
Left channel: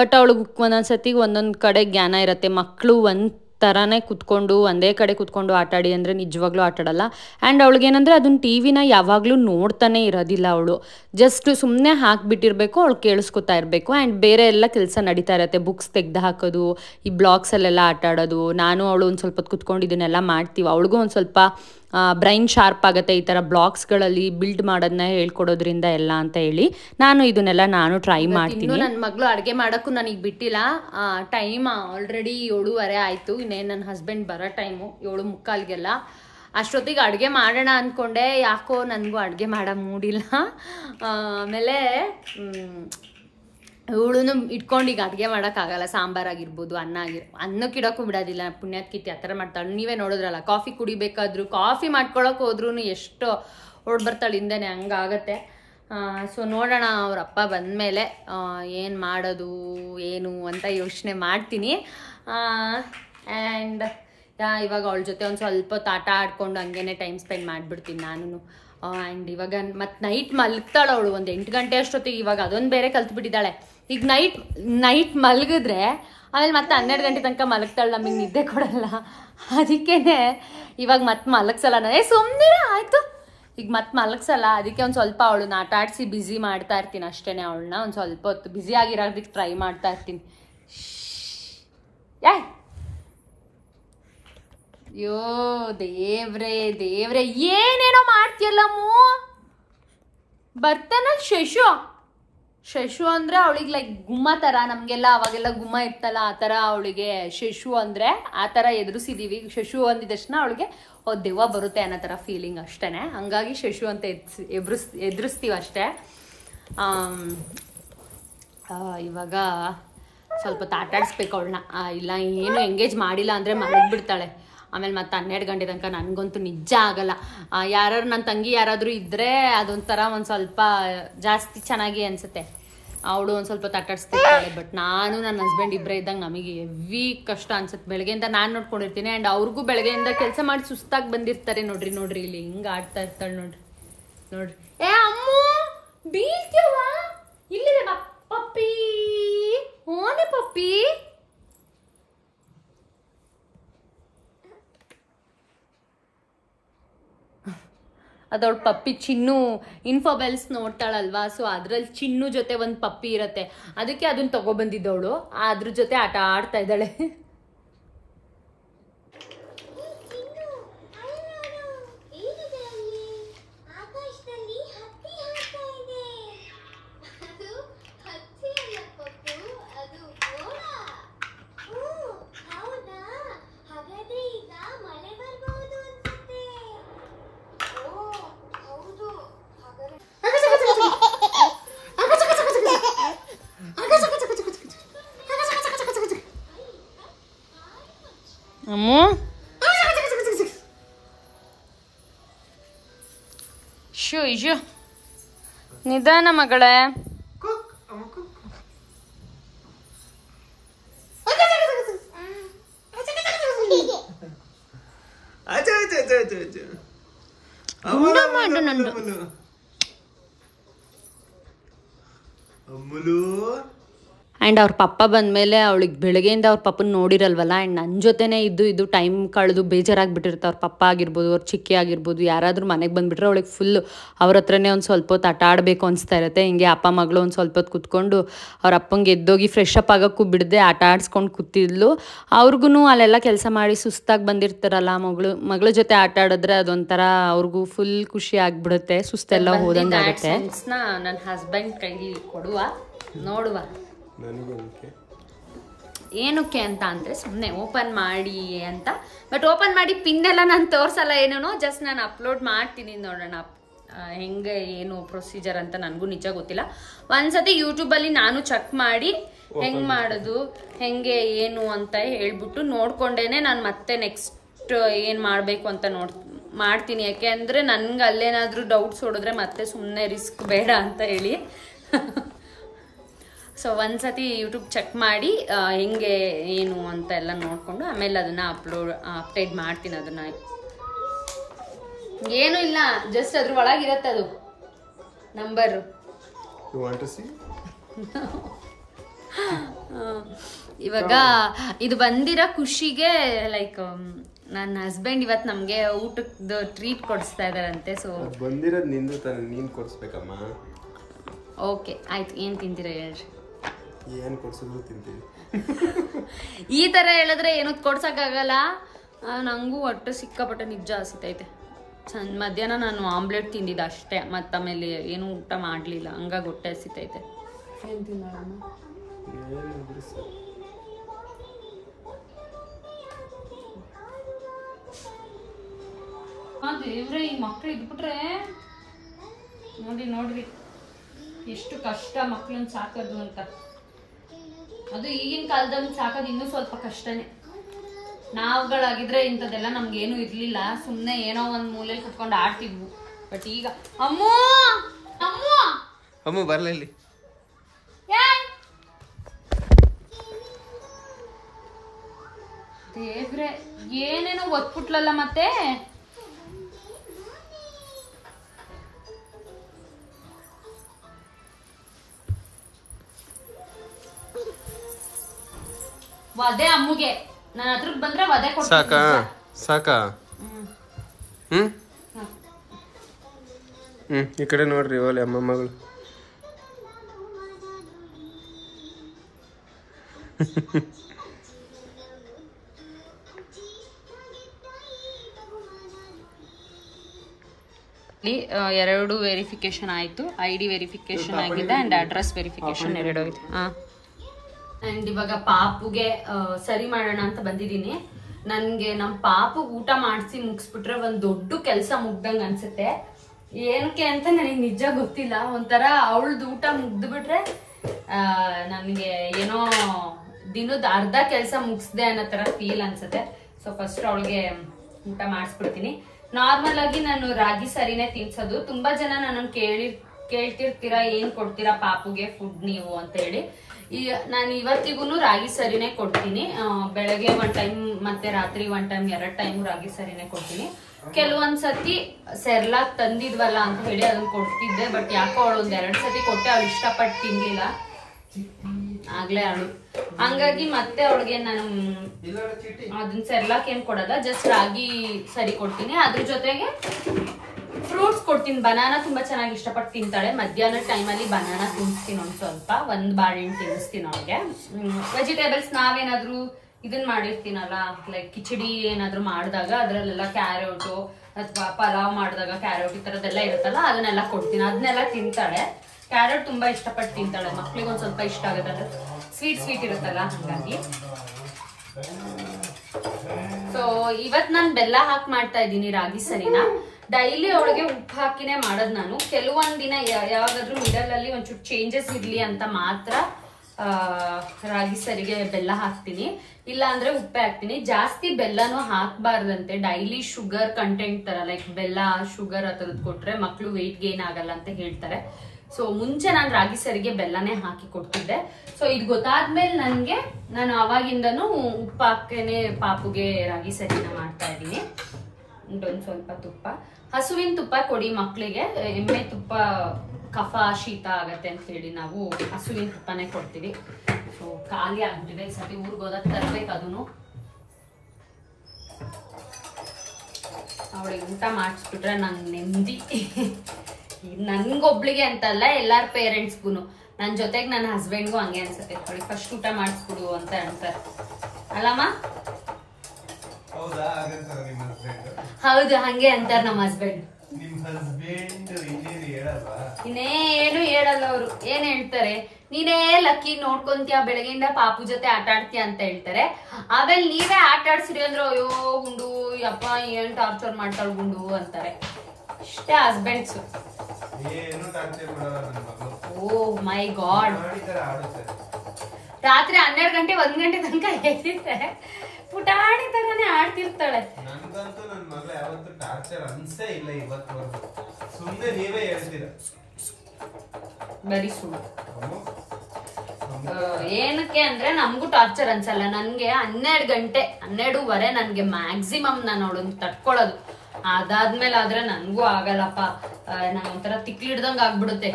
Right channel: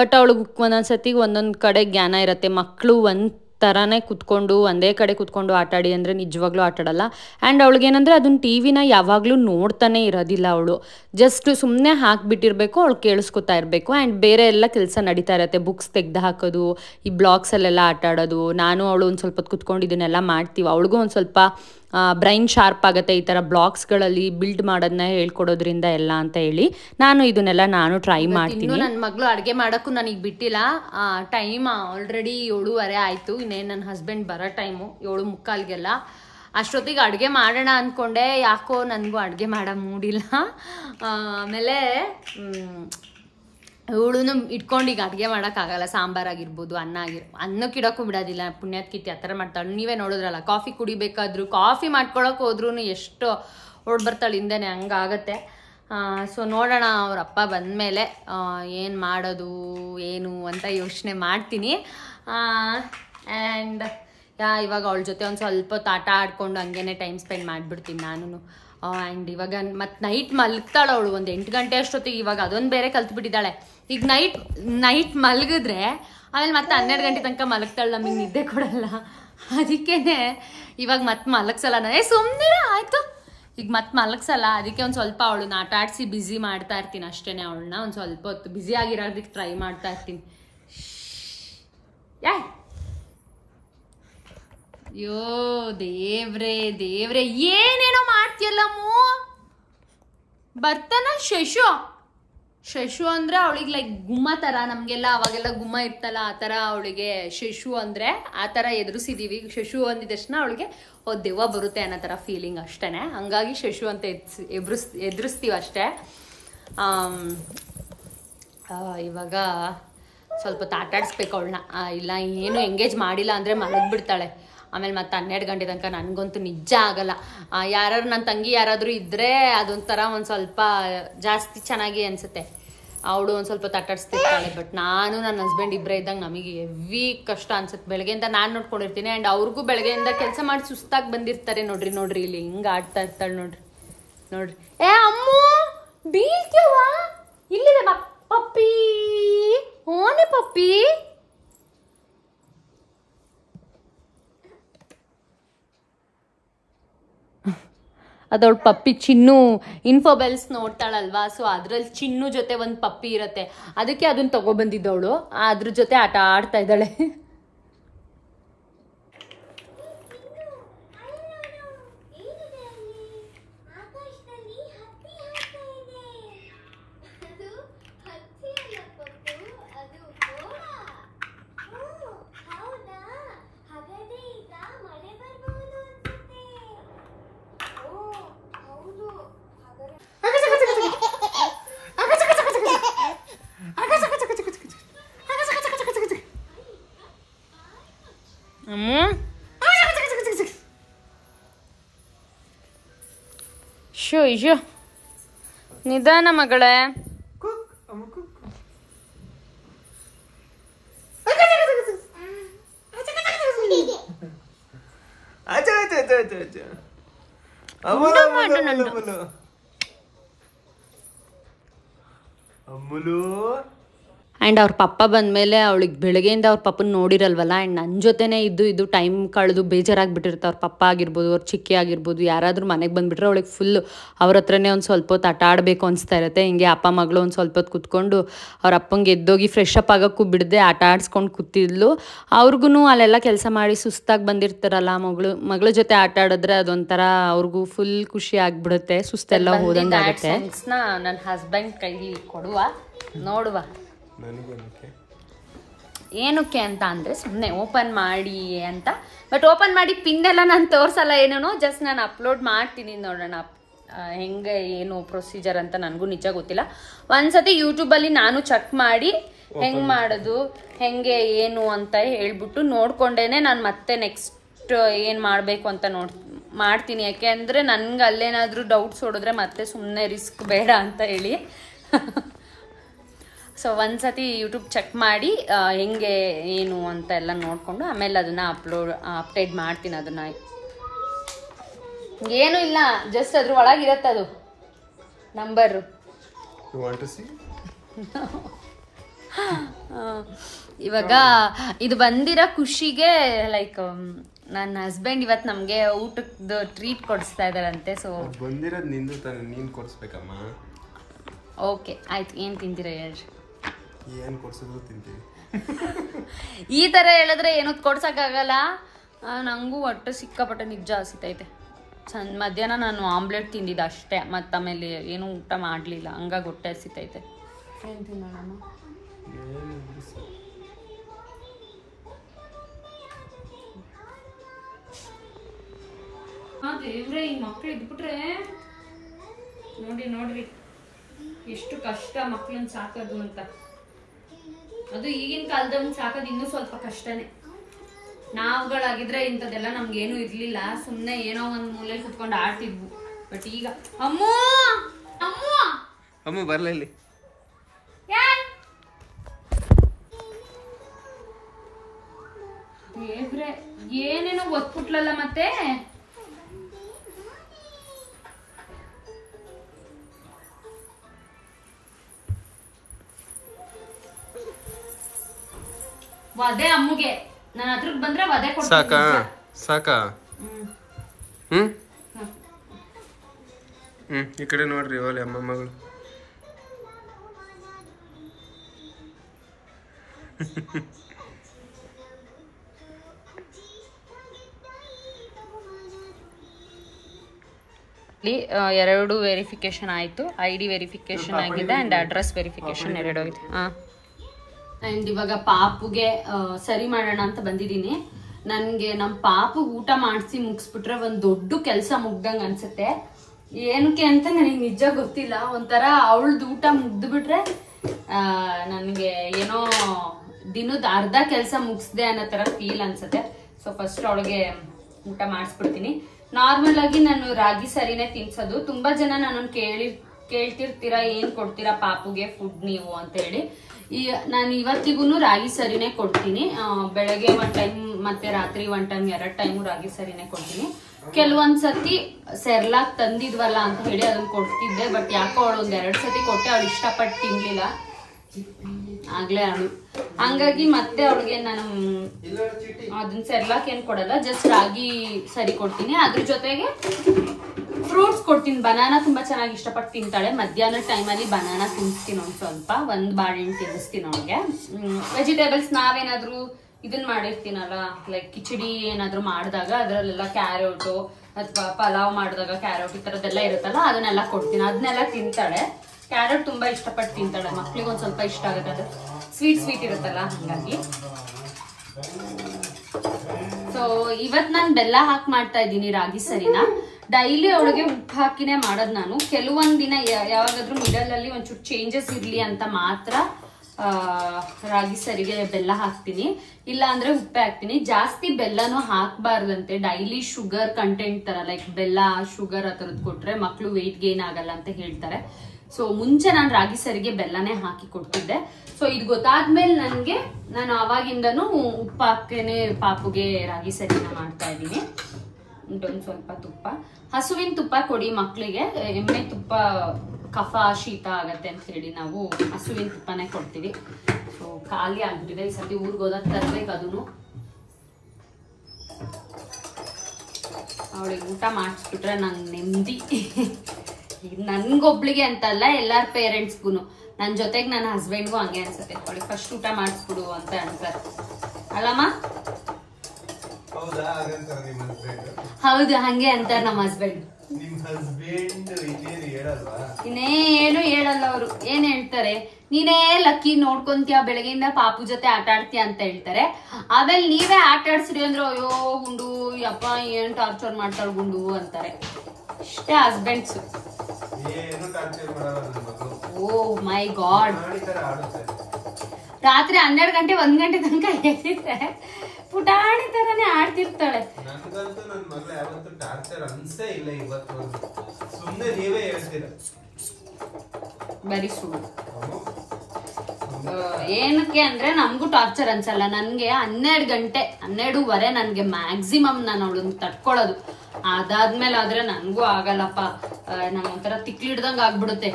ಬಟ್ ಅವಳಿಗೆ ಒಂದೊಂದು ಸತಿಗೆ ಒಂದೊಂದು ಕಡೆ ಜ್ಞಾನ ಇರುತ್ತೆ. ಮಕ್ಕಳು ಒಂದು ಥರನೇ ಕುತ್ಕೊಂಡು ಒಂದೇ ಕಡೆ ಕುತ್ಕೊಂಡು ಆಟಾಡಿ ಅಂದರೆ ನಿಜವಾಗ್ಲೂ ಆಟಾಡಲ್ಲ. ಆ್ಯಂಡ್ ಅವಳಿಗೇನಂದರೆ ಅದನ್ನ ಟಿ ವಿನ ಯಾವಾಗಲೂ ನೋಡ್ತಾನೆ ಇರೋದಿಲ್ಲ. ಅವಳು ಜಸ್ಟ್ ಸುಮ್ಮನೆ ಹಾಕಿಬಿಟ್ಟಿರಬೇಕು, ಅವಳು ಕೇಳಿಸ್ಕೊತಾ ಇರಬೇಕು. ಆ್ಯಂಡ್ ಬೇರೆ ಎಲ್ಲ ಕೆಲಸ ನಡೀತಾ ಇರುತ್ತೆ, ಬುಕ್ಸ್ ತೆಗೆದು ಹಾಕೋದು, ಈ ಬ್ಲಾಗ್ಸಲ್ಲೆಲ್ಲ ಆಟಾಡೋದು. ನಾನು ಅವಳು ಒಂದು ಸ್ವಲ್ಪ ಕುತ್ಕೊಂಡು ಇದನ್ನೆಲ್ಲ ಮಾಡ್ತೀವಿ. ಅವಳಿಗೂ ಒಂದು ಸ್ವಲ್ಪ ಬ್ರೈನ್ ಶಾರ್ಪ್ ಆಗುತ್ತೆ ಈ ಥರ ಬ್ಲಾಗ್ಸ್ಗಳಲ್ಲಿ ಬಿಲ್ಡ್ ಮಾಡೋದನ್ನ ಹೇಳ್ಕೊಡೋದ್ರಿಂದ ಎಲ್ಲ ಅಂತ ಹೇಳಿ ನಾನು ಟ್ರೈ ಮಾಡ್ತೀನಿ. ನನ್ನ ಮಗಳು ಅಡುಗೆ ಮಾಡೋಕ್ಕೂ ನನಗೆ ಬಿಟ್ಟಿಲ್ಲ. ಟೈಮ್ ಆಲ್ರೆಡಿ 7:15 ಆಯಿತು. ಇನ್ನೇನು ನನ್ನ ಹಸ್ಬೆಂಡ್ ಬರೋ ಟೈಮು 7:45ಗೆಲ್ಲ. ಅಷ್ಟೊತ್ತಿಗೆ ಅಡುಗೆ ಮಾಡೋಣ ಅಂದ್ಕೊಂಡೆ, ಯಾಕೋ ನನಗೂ ಅಡುಗೆ ಮಾಡೋ ಮೂಡಿಲ್ಲ. ಆಮೇಲೆ ಇವಳು ಇಟ್ಕೊಂಡು ಈಗ ಅಡುಗೆ ಮಾಡೋಕ್ಕಾಗಲ್ಲ. ಸಾಂಬಾರಾಗಿರ್ಬೋದು, ಅನ್ನಕ್ಕೆ ಇಡೋಕ್ಕೂ ಬಿಡೋದಿಲ್ಲ. ಪುಣ್ಯಾತ್ಕಿತಿ ಆ ಥರ ಮಾಡ್ತಾಳೆ. ನೀವೇ ನೋಡಿದ್ರಲ್ಲ, ಕಾಫಿ ಕುಡಿಬೇಕಾದ್ರು, ಕಾಫಿ ಮಾಡ್ಕೊಳಕ್ಕೆ ಹೋದ್ರೂ ಎಷ್ಟು ಓಡ್ಬರ್ತಾಳೆ ಹಿಂದೆನೆ, ಹಂಗಾಗತ್ತೆ. ಸೊ ನೋಡೋಣ ಅವ್ರ ಅಪ್ಪ ಬಂದಮೇಲೆ ಏನು ಮಾಡೋದು ಏನು ಅಂತ ಯೋಚನೆ ಮಾಡ್ತೀನಿ. ಆ್ಯಂಡ್ ಇವಾಗ ಅವಳ ಜೊತೆ ಒಂದು ಸ್ವಲ್ಪ ಆಟ ಆಡ್ಕೊಂಡು ಹಂಗೇನೆ ಟೈಮ್ ಸ್ಪೆಂಡ್ ಮಾಡಿಬಿಡ್ತೀನಿ ನಾನು. ಆ್ಯಂಡ್ ಇವಾಗ ಮತ್ತು ನೈಟ್ ಮಲಗ್ತಾಳೆ ಅವಳು ಒಂದು 8 ಗಂಟೆ ಅಷ್ಟೊತ್ತಿಗೆ. ಇವಾಗ ಅದೊಂದು ಬೇರೆ ಕಲ್ತ್ಬಿಟ್ಟಿದ್ದಾಳೆ. ಈಗ ನೈಟ್ ಮಲಗಿದ್ರೆ ಆಮೇಲೆ ಮತ್ತೆ 12 ಗಂಟೆ ತನಕ ಮಲಗ್ತಾಳೆ, ನಮಗೆ ನಿದ್ದೆ ಕೊಡಲ್ಲ. ಅದಕ್ಕೇ ಇವಾಗ ಮತ್ತೆ ಮಲಗ್ಸಲ್ಲ. ಸುಮ್ಮನೆ ಆಯಿತು, ಈಗ ಮತ್ತೆ ಮಲಗ್ಸಲ್ಲ. ಅದಕ್ಕೆ ಒಂದು ಸ್ವಲ್ಪ ಅವಳನ್ನ ಆಟ ಆಡಿಸಿ ಬ್ಯುಸಿ ಮಾಡ್ತಾ ಇರ್ತೀನಿ ಅಷ್ಟೇ. ಅವಳನ್ನ ಒಂದು ಸ್ವಲ್ಪ ಹೊತ್ತು ಬ್ಯುಸಿ ಆಗಿರೋದಕ್ಕೆ ಟ್ರೈ ಮಾಡ್ತಾ ಇರ್ತೀನಿ. ಅಯ್ಯೋ ದೇವ್ರೆ ಏನೇನೋ ಮಾಡ್ತೀಯಲ್ಲಮ್ಮು. ಬರ್ತಾನಲ್ಲ ಶಶು ಅಂದರೆ ಅವಳಿಗೆ ಲೈಕ್ ಗುಮ್ಮ ಥರ. ನಮಗೆಲ್ಲ ಅವಾಗೆಲ್ಲ ಗುಮ್ಮ ಇರ್ತಲ್ಲ, ಆ ಥರ ಅವಳಿಗೆ ಶಶು ಅಂದರೆ ಆ ಥರ ಎದುರಿಸಿದ್ದೀವಿ. ಶಶು ಅಂದಿದ ತಕ್ಷಣ ಅವಳಿಗೆ ದೆವ್ವ ಬರುತ್ತೆ ಅನ್ನೋ ಥರ ಫೀಲಿಂಗ್ ಅಷ್ಟೇ. ಹಂಗಾಗಿ ಶಶು ಅಂತ ಎದುರಿಸ್ತೀವಿ ಅಷ್ಟೇ. ಇವಾಗ ಸ್ವಲ್ಪ ಆಟಾಡಿಸ್ಬೇಕು ಅವಳನ್ನ. ಇಲ್ಲ ಏನು ಎಂಗೇಜ್ ಮಾಡಿಲ್ಲ ಅಂದರೆ ಮಲಗಿಬಿಡ್ತಾಳೆ. ಆಮೇಲೆ ಮತ್ತೆ 12 ಗಂಟೆ ತನಕ ನನಗಂತೂ ನಿಜ ಆಗಲ್ಲ. ಯಾರು ನನ್ನ ತಂಗಿ ಯಾರಾದರೂ ಇದ್ದರೆ ಅದೊಂಥರ ಒಂದು ಸ್ವಲ್ಪ ಜಾಸ್ತಿ ಚೆನ್ನಾಗಿ ಅನಿಸುತ್ತೆ. ಅವಳು ಒಂದು ಸ್ವಲ್ಪ ಆಟಾಡಿಸ್ತಿರ್ತಾಳೆ. ಬಟ್ ನಾನು ನನ್ನ ಹಸ್ಬೆಂಡ್ ಇಬ್ಬರೇ ಇದ್ದಾಗ ನಮಗೆ ಹೆವಿ ಕಷ್ಟ ಅನ್ಸುತ್ತೆ. ಬೆಳಗ್ಗೆಯಿಂದ ನಾನು ನೋಡ್ಕೊಂಡಿರ್ತೀನಿ. ಆ್ಯಂಡ್ ಅವ್ರಿಗೂ ಬೆಳಗ್ಗೆಯಿಂದ ಕೆಲಸ ಮಾಡಿ ಸುಸ್ತಾಗಿ ಬಂದಿರ್ತಾರೆ. ನೋಡ್ರಿ ಇಲ್ಲಿ ಹಿಂಗೆ ಆಡ್ತಾ ಇರ್ತಾಳೆ ನೋಡ್ರಿ. ಅಮ್ಮು ಬೀಳ್ತೀವ, ಇಲ್ಲಿದೆ ಪಪ್ಪಿ. ಓನೆ ಪಪ್ಪಿ. ಅದವಳು ಪಪ್ಪಿ ಚಿನ್ನು ಇನ್ಫೋಬೆಲ್ಸ್ ನೋಡ್ತಾಳಲ್ವಾ, ಸೊ ಅದ್ರಲ್ಲಿ ಚಿನ್ನು ಜೊತೆ ಒಂದು ಪಪ್ಪಿ ಇರತ್ತೆ. ಅದಕ್ಕೆ ಅದನ್ನ ತಗೊಬಂದಿದ್ದವಳು. ಅದ್ರ ಜೊತೆ ಆಟ ಆಡ್ತಾ ಇದ್ದಾಳೆ. ಅಮ್ಮು ಶೋ ನಿಧಾನ ಮಗಳೇ. ಆ್ಯಂಡ್ ಅವ್ರ ಪಪ್ಪ ಬಂದಮೇಲೆ ಅವಳಿಗೆ ಬೆಳಗ್ಗೆಯಿಂದ ಅವ್ರ ಪಪ್ಪನ ನೋಡಿರಲ್ವಲ್ಲ. ಆ್ಯಂಡ್ ನನ್ನ ಜೊತೆನೇ ಇದ್ದು ಟೈಮ್ ಕಳೆದು ಬೇಜಾರಾಗಿಬಿಟ್ಟಿರುತ್ತೆ. ಅವ್ರ ಪಪ್ಪ ಆಗಿರ್ಬೋದು, ಅವ್ರ ಚಿಕ್ಕಿ ಆಗಿರ್ಬೋದು, ಯಾರಾದರೂ ಮನೆಗೆ ಬಂದುಬಿಟ್ರೆ ಅವಳಿಗೆ ಫುಲ್ಲು ಅವ್ರ ಹತ್ರನೇ ಒಂದು ಸ್ವಲ್ಪ ಹೊತ್ತು ಆಟ ಆಡಬೇಕು ಅನಿಸ್ತಾ ಇರುತ್ತೆ. ಹಿಂಗೆ ಅಪ್ಪ ಮಗಳು ಒಂದು ಸ್ವಲ್ಪ ಹೊತ್ತು ಕೂತ್ಕೊಂಡು ಅವ್ರ ಅಪ್ಪಂಗೆ ಎದ್ದೋಗಿ ಫ್ರೆಶ್ ಅಪ್ ಆಗೋಕ್ಕೂ ಬಿಡದೆ ಆಟ ಆಡಿಸ್ಕೊಂಡು ಕೂತಿದ್ಲು. ಅವ್ರಿಗೂ ಅಲ್ಲೆಲ್ಲ ಕೆಲಸ ಮಾಡಿ ಸುಸ್ತಾಗಿ ಬಂದಿರ್ತಾರಲ್ಲ, ಮಗಳ ಜೊತೆ ಆಟ ಆಡಿದ್ರೆ ಅದೊಂಥರ ಅವ್ರಿಗೂ ಫುಲ್ ಖುಷಿ ಆಗಿಬಿಡುತ್ತೆ, ಸುಸ್ತೆಲ್ಲ ಹೋದಂಗೆ ಆಗುತ್ತೆ. ನನ್ನ ಹಸ್ಬೆಂಡ್ ಕೈಲಿ ಕೊಡುವ ನೋಡುವ ಏನಕ್ಕೆ ಅಂತ ಅಂದರೆ ಸುಮ್ಮನೆ ಓಪನ್ ಮಾಡಿ ಅಂತ. ಬಟ್ ಓಪನ್ ಮಾಡಿ ಪಿನ್ ಎಲ್ಲ ನಾನು ತೋರಿಸಲ್ಲ ಏನೋ, ಜಸ್ಟ್ ನಾನು ಅಪ್ಲೋಡ್ ಮಾಡ್ತೀನಿ. ನೋಡೋಣ ಹೆಂಗೆ ಏನು ಪ್ರೊಸೀಜರ್ ಅಂತ ನನಗೂ ನಿಜ ಗೊತ್ತಿಲ್ಲ. ಒಂದ್ಸತಿ ಯೂಟ್ಯೂಬಲ್ಲಿ ನಾನು ಚೆಕ್ ಮಾಡಿ ಹೆಂಗೆ ಮಾಡೋದು ಹೆಂಗೆ ಏನು ಅಂತ ಹೇಳ್ಬಿಟ್ಟು ನೋಡ್ಕೊಂಡೇನೆ ನಾನು ಮತ್ತೆ ನೆಕ್ಸ್ಟ್ ಏನು ಮಾಡಬೇಕು ಅಂತ ಮಾಡ್ತೀನಿ. ಯಾಕೆ ಅಂದರೆ ನನಗೆ ಅಲ್ಲೇನಾದರೂ ಡೌಟ್ಸ್ ಹೊಡಿದ್ರೆ ಮತ್ತೆ ಸುಮ್ಮನೆ ರಿಸ್ಕ್ ಬೇಡ ಅಂತ ಹೇಳಿ. ಸೊ ಒಂದ್ಸತಿ ಯೂಟ್ಯೂಬ್ ಚೆಕ್ ಮಾಡಿ ಹೆಂಗೆ ಏನು ಅಂತ ಎಲ್ಲ ನೋಡಿಕೊಂಡು ಆಮೇಲೆ ಅದನ್ನು ಅಪ್ಡೇಟ್ ಮಾಡ್ತೀನಿ. ಅದನ್ನು ಏನೂ ಇಲ್ಲ, ಜಸ್ಟ್ ಅದ್ರ ಒಳಗಿರತ್ತೆ ಅದು ನಂಬರು. ಇವಾಗ ಇದು ಬಂದಿರೋ ಖುಷಿಗೆ ಲೈಕ್ ನನ್ನ ಹಸ್ಬೆಂಡ್ ಇವತ್ತು ನಮಗೆ ಊಟದ ಟ್ರೀಟ್ ಕೊಡಿಸ್ತಾ ಇದಾರಂತೆ. ಸೊ ಬಂದಿರೋದು ನಿಂದು ತಾನೆ, ನೀನು ಕೊಡಿಸ್ಬೇಕಮ್ಮ. ಓಕೆ ಆಯ್ತು, ಏನು ತಿಂತೀರಾ ಹೇಳ್ರಿ? ಏನು ಕೊಡ್ಸಿದ್ರು ತಿಂತೀವಿ. ಈ ಥರ ಹೇಳಿದ್ರೆ ಏನೂ ಕೊಡ್ಸೋಕ್ಕಾಗಲ್ಲ. ನನಗೂ ಹೊಟ್ಟೆ ಸಿಕ್ಕಾಪಟ್ಟೆ ನಿಜ ಹಸಿತೈತೆ. ಮಧ್ಯಾಹ್ನ ನಾನು ಆಮ್ಲೆಟ್ ತಿಂದಿದ್ದೆ ಅಷ್ಟೇ, ಮತ್ತು ಆಮೇಲೆ ಏನೂ ಊಟ ಮಾಡಲಿಲ್ಲ, ಹಂಗಾಗಿ ಹೊಟ್ಟೆ ಹಸಿತೈತೆ. ಏನು ತಿನ್ನೋಣಮ್ಮ? ದೇವ್ರೆ, ಈ ಮಕ್ಳು ಇದ್ಬಿಟ್ರೆ ನೋಡ್ರಿ ಎಷ್ಟು ಕಷ್ಟ ಮಕ್ಳನ್ನ ಸಾಕೋದು ಅಂತ. ಅದು ಈಗಿನ ಕಾಲದಲ್ಲಿ ಸಾಕೋದು ಇನ್ನೂ ಸ್ವಲ್ಪ ಕಷ್ಟನೇ. ನಾವುಗಳಾಗಿದ್ರೆ ಇಂಥದ್ದೆಲ್ಲ ನಮ್ಗೇನು ಇರ್ಲಿಲ್ಲ, ಸುಮ್ಮನೆ ಏನೋ ಒಂದ್ ಮೂಲೆ ಕುತ್ಕೊಂಡು ಆಡ್ತಿದ್ವು. ಬಟ್ ಈಗ ಅಮ್ಮ ಬರ್ಲ ಇಲ್ಲಿ. ದೇವ್ರೆ, ಏನೇನೋ ಒತ್ಬಿಟ್ಲಲ್ಲ ಮತ್ತೆ. ವದೆ ಅಮ್ಮಗೆ ನನ್ನ ಹತ್ರಕ್ ಬಂದ್ರೆ ವದೆ ಸಾಕಾ ಸಾಕಾ? ಈ ಕಡೆ ನೋಡ್ರಿ ಓಲೆ ಅಮ್ಮ ಮಗಳು. ಎರಡು ವೆರಿಫಿಕೇಶನ್ ಆಯ್ತು, ID ವೆರಿಫಿಕೇಶನ್ ಆಗಿದೆ ಅಂಡ್ ಅಡ್ರೆಸ್ ವೆರಿಫಿಕೇಶನ್ ಎರಡು ಆಗಿದೆ. ಅಂಡ್ ಇವಾಗ ಪಾಪುಗೆ ಸರಿ ಮಾಡೋಣ ಅಂತ ಬಂದಿದ್ದೀನಿ. ನನ್ಗೆ ನಮ್ ಪಾಪು ಊಟ ಮಾಡಿಸಿ ಮುಗಿಸ್ಬಿಟ್ರೆ ಒಂದ್ ದೊಡ್ಡ ಕೆಲಸ ಮುಗ್ದಂಗ ಅನ್ಸುತ್ತೆ. ಏನಕ್ಕೆ ಅಂತ ನನಗೆ ನಿಜ ಗೊತ್ತಿಲ್ಲ. ಒಂಥರ ಅವಳ್ದು ಊಟ ಮುಗ್ದು ಬಿಟ್ರೆ ನನ್ಗೆ ಏನೋ ದಿನದ ಅರ್ಧ ಕೆಲಸ ಮುಗಿಸ್ದೆ ಅನ್ನೋ ತರ ಫೀಲ್ ಅನ್ಸುತ್ತೆ. ಸೊ ಫಸ್ಟ್ ಅವಳಿಗೆ ಊಟ ಮಾಡಿಸ್ಬಿಡ್ತೀನಿ. ನಾರ್ಮಲ್ ಆಗಿ ನಾನು ರಾಗಿ ಸರಿನೇ ತಿನ್ಸೋದು. ತುಂಬಾ ಜನ ನನ್ನನ್ನು ಕೇಳ್ತಿರ್ತೀರಾ ಏನ್ ಕೊಡ್ತೀರಾ ಪಾಪುಗೆ ಫುಡ್ ನೀವು ಅಂತ ಹೇಳಿ. ನಾನು ಇವತ್ತಿಗೂ ರಾಗಿ ಸರಿನೇ ಕೊಡ್ತೀನಿ. ಬೆಳಗ್ಗೆ 1 ಟೈಮ್ ಮತ್ತೆ ರಾತ್ರಿ 1 ಟೈಮ್, 2 ಟೈಮ್ ರಾಗಿ ಸರಿನೇ ಕೊಡ್ತೀನಿ. ಕೆಲವೊಂದ್ಸತಿ ಸೆರ್ಲಾಕ್ ತಂದಿದ್ವಲ್ಲ ಅಂತ ಹೇಳಿ ಅದನ್ನ ಕೊಡ್ತಿದ್ದೆ. ಬಟ್ ಯಾಕೋ ಅವಳು 1-2 ಸತಿ ಕೊಟ್ಟೆ, ಅವಳು ಇಷ್ಟಪಟ್ಟು ತಿನ್ಲಿಲ್ಲ ಆಗ್ಲೇ ಅವಳು. ಹಂಗಾಗಿ ಮತ್ತೆ ಅವಳಿಗೆ ನಾನು ಅದನ್ನ ಸೆರ್ಲಾಕ್ ಏನ್ ಕೊಡಲ್ಲ, ಜಸ್ಟ್ ರಾಗಿ ಸರಿ ಕೊಡ್ತೀನಿ. ಅದ್ರ ಜೊತೆಗೆ ಫ್ರೂಟ್ಸ್ ಕೊಡ್ತೀನಿ. ಬನಾನಾ ತುಂಬಾ ಚೆನ್ನಾಗಿ ಇಷ್ಟಪಟ್ಟು ತಿಂತಾಳೆ. ಮಧ್ಯಾಹ್ನ ಟೈಮಲ್ಲಿ ಬನಾನಾ ತಿನ್ನಿಸ್ತೀನಿ ಅವ್ನು ಸ್ವಲ್ಪ, 1 ಬಾಳೆಹಣ್ಣು ತಿನ್ನಿಸ್ತೀನಿ ಅವ್ನಿಗೆ. ವೆಜಿಟೇಬಲ್ಸ್ ನಾವೇನಾದ್ರೂ ಇದನ್ನ ಮಾಡಿರ್ತೀನಲ್ಲ, ಲೈಕ್ ಕಿಚಡಿ ಏನಾದ್ರು ಮಾಡಿದಾಗ ಅದ್ರಲ್ಲೆಲ್ಲ ಕ್ಯಾರೆಟು ಅಥವಾ ಪಲಾವ್ ಮಾಡಿದಾಗ ಕ್ಯಾರೆಟ್ ಈ ತರದೆಲ್ಲ ಇರುತ್ತಲ್ಲ, ಅದನ್ನೆಲ್ಲ ಕೊಡ್ತೀನಿ. ಅದನ್ನೆಲ್ಲ ತಿಂತಾಳೆ. ಕ್ಯಾರೆಟ್ ತುಂಬಾ ಇಷ್ಟಪಟ್ಟು ತಿಂತಾಳೆ. ಮಕ್ಳಿಗೆ ಒಂದ್ ಸ್ವಲ್ಪ ಇಷ್ಟ ಆಗುತ್ತೆ, ಅದು ಸ್ವೀಟ್ ಇರುತ್ತಲ್ಲ ಹಾಗಾಗಿ. ಸೊ ಇವತ್ ನಾನು ಬೆಲ್ಲ ಹಾಕಿ ಮಾಡ್ತಾ ಇದ್ದೀನಿ ರಾಗಿ ಸರಿನ. ಡೈಲಿ ಅವಳಿಗೆ ಉಪ್ಪು ಹಾಕಿನೇ ಮಾಡೋದು ನಾನು. ಕೆಲವೊಂದ್ ದಿನ ಯಾವಾಗಾದ್ರೂ ಮಿಡಲ್ ಅಲ್ಲಿ ಒಂಚೂರು ಚೇಂಜಸ್ ಇರ್ಲಿ ಅಂತ ಮಾತ್ರ ರಾಗಿ ಸರಿಗೆ ಬೆಲ್ಲ ಹಾಕ್ತೀನಿ, ಇಲ್ಲ ಅಂದ್ರೆ ಉಪ್ಪೆ ಹಾಕ್ತೀನಿ. ಜಾಸ್ತಿ ಬೆಲ್ಲನೂ ಹಾಕ್ಬಾರ್ದಂತೆ. ಡೈಲಿ ಶುಗರ್ ಕಂಟೆಂಟ್ ತರ ಲೈಕ್ ಬೆಲ್ಲ ಶುಗರ್ ಆ ತರದ್ ಕೊಟ್ರೆ ಮಕ್ಳು ವೆಯ್ಟ್ ಗೇನ್ ಆಗಲ್ಲ ಅಂತ ಹೇಳ್ತಾರೆ. ಸೊ ಮುಂಚೆ ನಾನು ರಾಗಿ ಸರಿಗೆ ಬೆಲ್ಲನೇ ಹಾಕಿ ಕೊಡ್ತಿದ್ದೆ. ಸೊ ಇದು ಗೊತ್ತಾದ್ಮೇಲೆ ನಾನು ಅವಾಗಿಂದನೂ ಉಪ್ಪು ಹಾಕೇನೆ ಪಾಪುಗೆ ರಾಗಿ ಸರಿನ ಮಾಡ್ತಾ ಇದ್ದೀನಿ. ಒಂದ್ ಸ್ವಲ್ಪ ತುಪ್ಪ, ಹಸುವಿನ ತುಪ್ಪ ಕೊಡಿ ಮಕ್ಳಿಗೆ. ಎಮ್ಮೆ ತುಪ್ಪ ಕಫ ಶೀತ ಆಗತ್ತೆ ಅಂತ ಹೇಳಿ ನಾವು ಹಸುವಿನ ತುಪ್ಪನೇ ಕೊಡ್ತೀವಿ. ಸೊ ಖಾಲಿ ಆಗ್ಬಿಟ್ಟಿದೆ, ಈ ಸತಿ ಊರ್ಗೆ ಹೋದಾಗ ತರ್ಬೇಕು ಅದನ್ನು. ಅವಳಿಗೆ ಊಟ ಮಾಡಿಸ್ಬಿಟ್ರೆ ನಂಗೆ ನೆಮ್ಮದಿ. ನನ್ಗೊಬ್ಳಿಗೆ ಅಂತಲ್ಲ, ಎಲ್ಲಾರ ಪೇರೆಂಟ್ಸ್ಗೂ. ನನ್ ಜೊತೆಗೆ ನನ್ನ ಹಸ್ಬೆಂಡ್ಗೂ ಹಂಗೆ ಅನ್ಸುತ್ತೆ. ಅವಳಿಗೆ ಫಸ್ಟ್ ಊಟ ಮಾಡಿಸ್ಬಿಡು ಅಂತ ಅಂತಾರೆ ಅಲ್ಲಮ್ಮ? ಹೌದು, ಹಂಗೆ ಅಂತಾರೆ ನಮ್ಮ ಹಸ್ಬೆಂಡ್. ಇನ್ನೇನು ಹೇಳಲ್ಲ ಅವರು. ಏನ್ ಹೇಳ್ತಾರೆ, ನೀನೇ ಲಕ್ಕಿ ನೋಡ್ಕೊಂತೀಯ, ಬೆಳಗ್ಗೆಯಿಂದ ಪಾಪು ಜೊತೆ ಆಟ ಆಡ್ತೀಯ ಅಂತ ಹೇಳ್ತಾರೆ. ಆಮೇಲೆ ನೀವೇ ಆಟ ಆಡ್ಸಿರಿ ಅಂದ್ರೆ ಅಯ್ಯೋ ಗುಂಡು ಯಪ್ಪ ಏನ್ ಟಾರ್ಚರ್ ಮಾಡ್ತಾಳ ಗುಂಡು ಅಂತಾರೆ. ಇಷ್ಟೇ ಹಸ್ಬೆಂಡ್ಸ್. ಓ ಮೈ ಗಾಡ್, ರಾತ್ರಿ 12 ಗಂಟೆ 1 ಗಂಟೆ ತನಕ ಎದ್ದಿದ್ರೆ ಪುಟಾಣಿ ತರನೇ ಆಡ್ತಿರ್ತಾಳೆ. ಬರೀ ಸುಳ್ಳು. ಏನಕ್ಕೆ ಅಂದ್ರೆ ನಮ್ಗೂ ಟಾರ್ಚರ್ ಅನ್ಸಲ್ಲ. ನನ್ಗೆ 12 ಗಂಟೆ 12:15 ನನ್ಗೆ ಮ್ಯಾಕ್ಸಿಮಮ್ ನಾನು ಅವಳನ್ನ ತಡ್ಕೊಳ್ಳೋದು. ಅದಾದ್ಮೇಲೆ ಆದ್ರೆ ನನ್ಗೂ ಆಗಲ್ಲಪ್ಪ. ನಂಗೆ ಒಂಥರ ತಿಕ್ಲಿಡ್ದಂಗೆ ಆಗ್ಬಿಡುತ್ತೆ.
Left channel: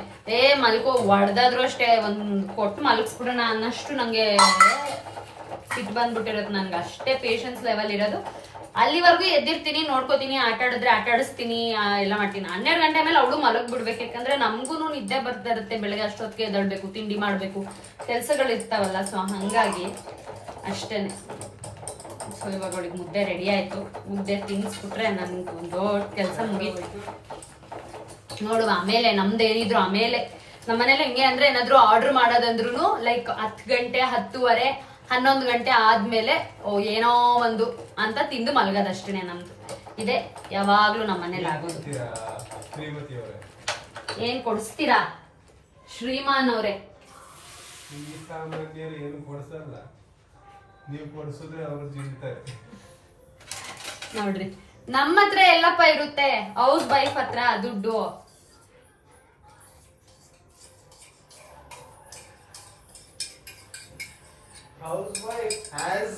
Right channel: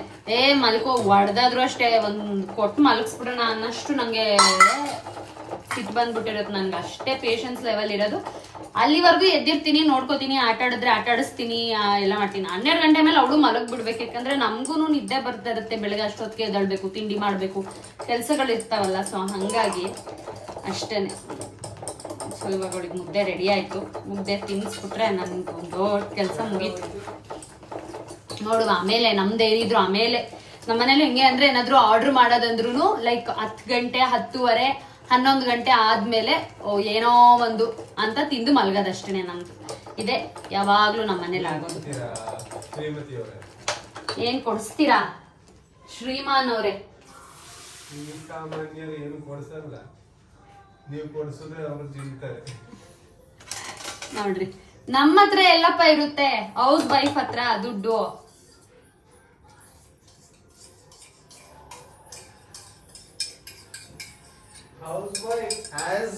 ಮಲ್ಕೋ ಹೊಡೆದಾದ್ರು ಅಷ್ಟೇ ಒಂದ್ ಕೊಟ್ಟು ಮಲಗಿಸ್ಬಿಡೋಣ ಅನ್ನಷ್ಟು ನಂಗೆ ಸಿಟ್ಟು ಬಂದ್ಬಿಟ್ಟಿರುತ್ತೆ. ನನ್ಗೆ ಅಷ್ಟೇ ಪೇಷನ್ಸ್ ಲೆವೆಲ್ ಇರೋದು. ಅಲ್ಲಿವರೆಗೂ ಎದ್ದಿರ್ತೀನಿ, ನೋಡ್ಕೋತೀನಿ, ಆಟ ಆಡಿದ್ರೆ ಆಟ ಆಡಿಸ್ತೀನಿ, ಎಲ್ಲ ಮಾಡ್ತೀನಿ. 12 ಗಂಟೆ ಮೇಲೆ ಅವಳು ಮಲಗ್ ಬಿಡ್ಬೇಕು. ಯಾಕಂದ್ರೆ ನಮ್ಗೂ ನಿದ್ದೆ ಬರ್ತಾ ಇರುತ್ತೆ. ಬೆಳಗ್ಗೆ ಅಷ್ಟೊತ್ತಿಗೆ ಎದ್ದೇಳ್ಬೇಕು, ತಿಂಡಿ ಮಾಡ್ಬೇಕು, ಕೆಲ್ಸಗಳು ಇರ್ತಾವಲ್ಲ. ಸೊ ಹಂಗಾಗಿ ಅಷ್ಟೇನೆ. ಸೊ ಇವಾಗ ಅವಳಿಗೆ ಮುದ್ದೆ ರೆಡಿ ಆಯ್ತು. ಮುದ್ದೆ ತಿನ್ನಿಸ್ಬಿಟ್ರೆ ನನ್ಗೆ ಒಂದು ದೊಡ್ಡ ಕೆಲಸ ಮುಗೀತು. ನೋಡುವ ಆಮೇಲೆ ನಮ್ದೇನಿದ್ರು ಆಮೇಲೆ ನಮ್ಮನೇಲಿ ಹೆಂಗೆ ಅಂದ್ರೆ ಏನಾದ್ರು ಆರ್ಡರ್ ಮಾಡೋದಂದ್ರು ಲೈಕ್ 10 ಗಂಟೆ 10:30 11 ಗಂಟೆ ಆದ್ಮೇಲೆ ಏನೋ ಒಂದು ಅಂತ ತಿಂದು ಮಲ್ಗೋದಷ್ಟೇನೆ ನಮ್ದು. ಇದೆ ಯಾವಾಗ್ಲೂ ನಮ್ಮ ಮನೇಲಿ ಆಗೋದು. ಏನ್ ಕೊಡಿಸ್ತೀರಾ ಶ್ರೀಮಾನ್ ಅವ್ರೆ? ನೋಡ್ರಿ ನಮ್ಮ ಹತ್ರ ಎಲ್ಲಪ್ಪ ಇರುತ್ತೆ, ಹೌಸ್ ವೈಫ್ ಹತ್ರ ದುಡ್ಡು. Housewife has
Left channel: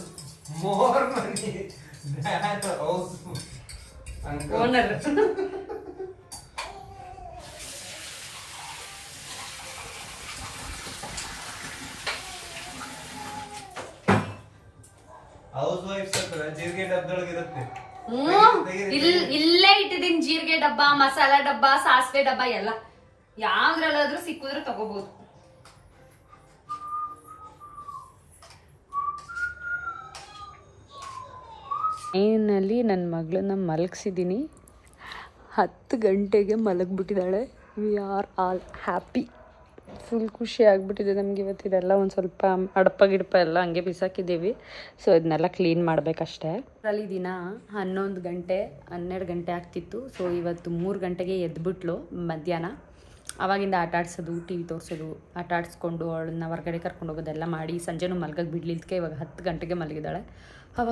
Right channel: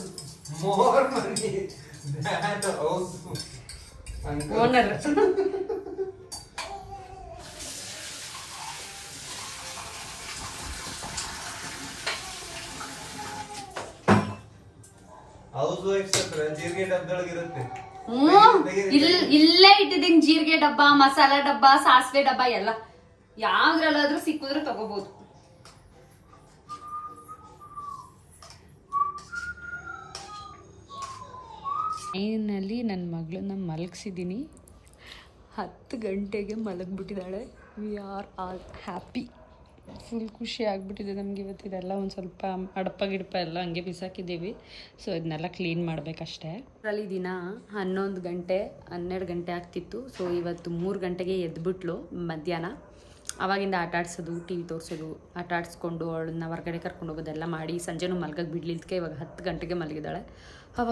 more money than the house owner. Housewife ಜೀರಿಗೆ ಡಬ್ಬದೊಳಗೆ ಇರುತ್ತೆ. ಇಲ್ಲೇ ಇಟ್ಟಿದ್ದೀನಿ ಜೀರಿಗೆ ಡಬ್ಬ, ಮಸಾಲಾ ಡಬ್ಬ, ಸಾಸಿವೆ ಡಬ್ಬ ಎಲ್ಲ. ಯಾವ್ದ್ರಲ್ಲಾದ್ರೂ ಸಿಕ್ಕಿದ್ರೆ ತಗೋಬಹುದು. ಏನಲ್ಲಿ ನನ್ನ ಮಗಳನ್ನ ಮಲಗಿಸಿದ್ದೀನಿ. 10 ಗಂಟೆಗೆ ಮಲಗಿಬಿಟ್ಟಿದ್ದಾಳೆ. We are all happy. Full ಖುಷಿ ಆಗಿಬಿಟ್ಟಿದೆ ನಮ್ಗೆ ಇವತ್ತು. ಇದೆಲ್ಲ ಒಂದು ಸ್ವಲ್ಪ ಅಡಪ ಗಿಡಪ ಎಲ್ಲ ಹಂಗೆ ಬಿಸಾಕಿದ್ದೀವಿ. ಸೊ ಇದನ್ನೆಲ್ಲ ಕ್ಲೀನ್ ಮಾಡಬೇಕಷ್ಟೇ. ಅಲ್ಲಿ ದಿನ 11 ಗಂಟೆ 12 ಗಂಟೆ ಆಗ್ತಿತ್ತು. ಸೊ ಇವತ್ತು 3 ಗಂಟೆಗೆ ಎದ್ಬಿಟ್ಲು ಮಧ್ಯಾಹ್ನ. ಆವಾಗಿಂದ ಆಟ ಆಡ್ಸೋದು, ಟಿ ವಿ ತೋರಿಸೋದು, ಆಟ ಆಡಿಸ್ಕೊಂಡು ಅವಳನ್ನ ಹೊರಗಡೆ ಕರ್ಕೊಂಡು ಹೋಗೋದೆಲ್ಲ ಮಾಡಿ ಸಂಜೆನೂ ಮಲ್ಗಕ್ಕೆ ಬಿಡ್ಲಿಲ್ದಕ್ಕೆ ಇವಾಗ 10 ಗಂಟೆಗೆ ಮಲಗಿದ್ದಾಳೆ. ಅವ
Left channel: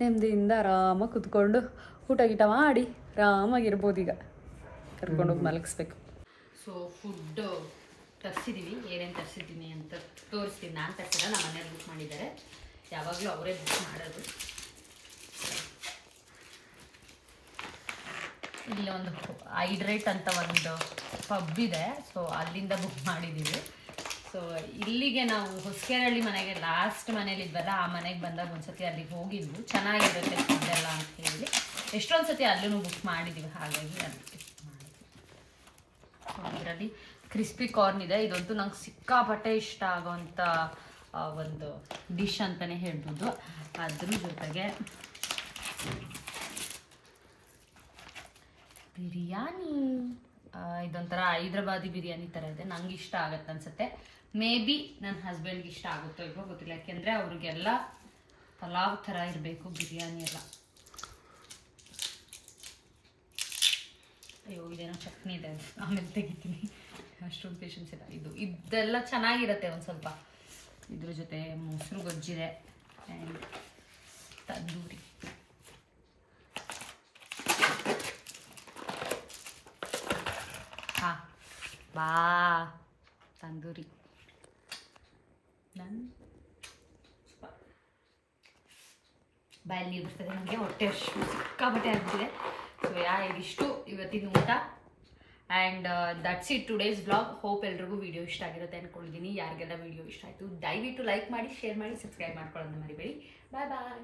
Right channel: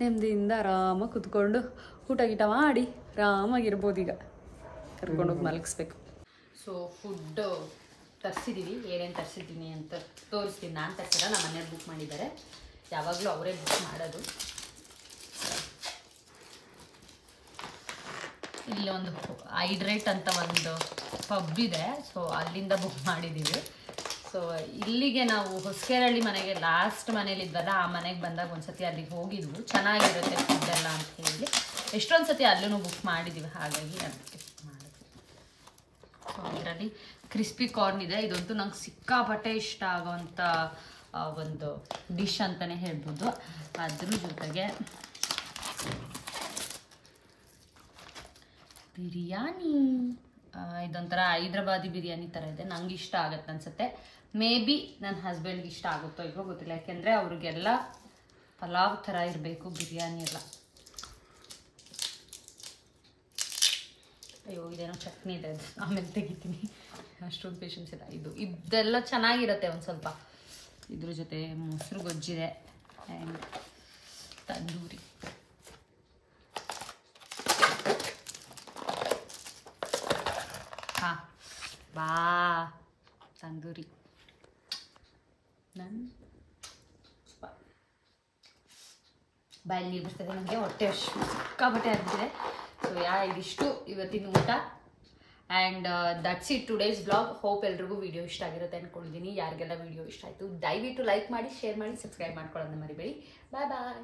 ನೆಮ್ಮದಿಯಿಂದ ಆರಾಮಾಗಿ ಕುತ್ಕೊಂಡು ಊಟ ಗೀಟ ಮಾಡಿ ಆರಾಮಾಗಿರ್ಬೋದು. ಈಗ ಕರ್ಕೊಂಡೋಗಿ ಮಲಗಿಸ್ಬೇಕು. So food ತರಿಸಿದ್ದೀವಿ. ಏನೇನು ತರಿಸಿದ್ದೀನಿ ಅಂತ ತೋರಿಸ್ತೀನಿ. ನಾನು ತರಿಸಿಲ್ಲ, ನಮ್ಮ ಮನೇಲಿ ಬುಕ್ ಮಾಡಿದ್ದಾರೆ. ಯಾವಾಗಲೂ ಅವರೇ ಬುಕ್ ಮಾಡೋದು. ಇಲ್ಲಿ ಒಂದು ಹೈಡ್ರೇಟ್ ಅಂತ ಒಂದು ಪಬ್ ಇದೆ. ಸೊ ಅಲ್ಲಿಂದ ಬುಕ್ ಮಾಡಿದ್ದೀವಿ. ಸೊ ಇಲ್ಲಿಗೆ ನಾವು ಹೊಸಕೆರಳ್ಳಿ ಮನೆಗೆ ಲಾಸ್ಟ್ ಮನೇಲಿ ಇದ್ವಲ್ಲ, ಆ ಮನೆಗೆ ಬಂದಾಗ ಒಂದ್ಸತಿ ಅಲ್ಲಿಗೆ ಹೋಗಿದ್ವು. ಚೆನ್ನಾಗಿರುತ್ತೆ ಫುಡ್ ಎಲ್ಲ ಅಂತ ಹೇಳಿ ಎಷ್ಟೊಂದು ಸತಿ ಅಲ್ಲೂ ಬುಕ್ ಮಾಡಿದ್ದೀವಿ. ಹಾಗಾಗಿ ಅದಕ್ಕೆ ಮಾಡಿದ್ವಿ. ಸೊ ಅದರಲ್ಲಿ ಕ್ರಿಸ್ಪಿ ಕಾರ್ನ್ ಇದೆ. ಇದಂತೂ ನಂಗೆ ಸಿಕ್ಕಾಪಟ್ಟೆ ಇಷ್ಟ ಆಗೋವಂಥ ಒಂದು ಡಿಶ್ ಅಂತಲೇ ಹೇಳ್ಬೋದು. ಅದ್ರ ಜೊತೆಗೆ ಬಿರಿಯಾನಿ. ಇದೊಂಥರ ಹೈದ್ರಾಬಾದಿ ಬಿರಿಯಾನಿ ಥರ ಇದೆ. ನಂಗೆ ಇಷ್ಟ ಆಗುತ್ತೆ ಅನ್ಸುತ್ತೆ. ಮೇ ಬಿ ನನ್ನ ಹಸ್ಬೆಂಡ್ಗೆ ಇಷ್ಟ ಆಗುತ್ತೋ ಇರೋ ಗೊತ್ತಿಲ್ಲ. ಯಾಕೆಂದರೆ ಅವ್ರಿಗೆಲ್ಲ ಪಲಾವ್ ಥರ ಇರಬೇಕು ಬಿರಿಯಾನಿ ಎಲ್ಲ. ಅಯ್ಯೋ ಇದೇನೋ ಚಟ್ನಿ ಇದೆ, ಆಮೇಲೆ ತೆಗಿತೀನಿ. ಅಷ್ಟೊಂದು ಪೇಷನ್ಸ್ ಇಲ್ಲ. ಇದೆಲ್ಲ ಚೆನ್ನಾಗಿರುತ್ತೆ. ಒಂದು ಸ್ವಲ್ಪ ಇದ್ರ ಜೊತೆ ಮೊಸರು ಗೊಜ್ಜಿದೆ ಆ್ಯಂಡ್ ತಂದೂರಿ. ಹಾಂ ಬಾ ತಂದೂರಿ. ನನ್ನ ಬಾಯಲ್ಲಿ ನೀರು ಬರ್ತದೆ ನನಗೆ. ಹೊಟ್ಟೆ ಸಿಕ್ಕಾಬಟ್ಟೆ ಆಗ್ತಿದೆ. ಸೊ ಇದಿಷ್ಟು ಇವತ್ತಿನ ಊಟ. And that's it today's blog. Hope ಎಲ್ರಿಗೂ ವಿಡಿಯೋ ಇಷ್ಟ ಆಗಿರುತ್ತೆ ಅಂದ್ಕೊಂಡಿದ್ದೀನಿ. ಯಾರಿಗೆಲ್ಲ ವಿಡಿಯೋ ಇಷ್ಟ ಆಯಿತು ದಯವಿಟ್ಟು ಲೈಕ್ ಮಾಡಿ, ಶೇರ್ ಮಾಡಿ, ಸಬ್ಸ್ಕ್ರೈಬ್ ಮಾಡ್ಕೊಳ್ಳೋದನ್ನ ಮರಿಬೇಡಿ. ಬಾಯ್ ಬಾಯ್.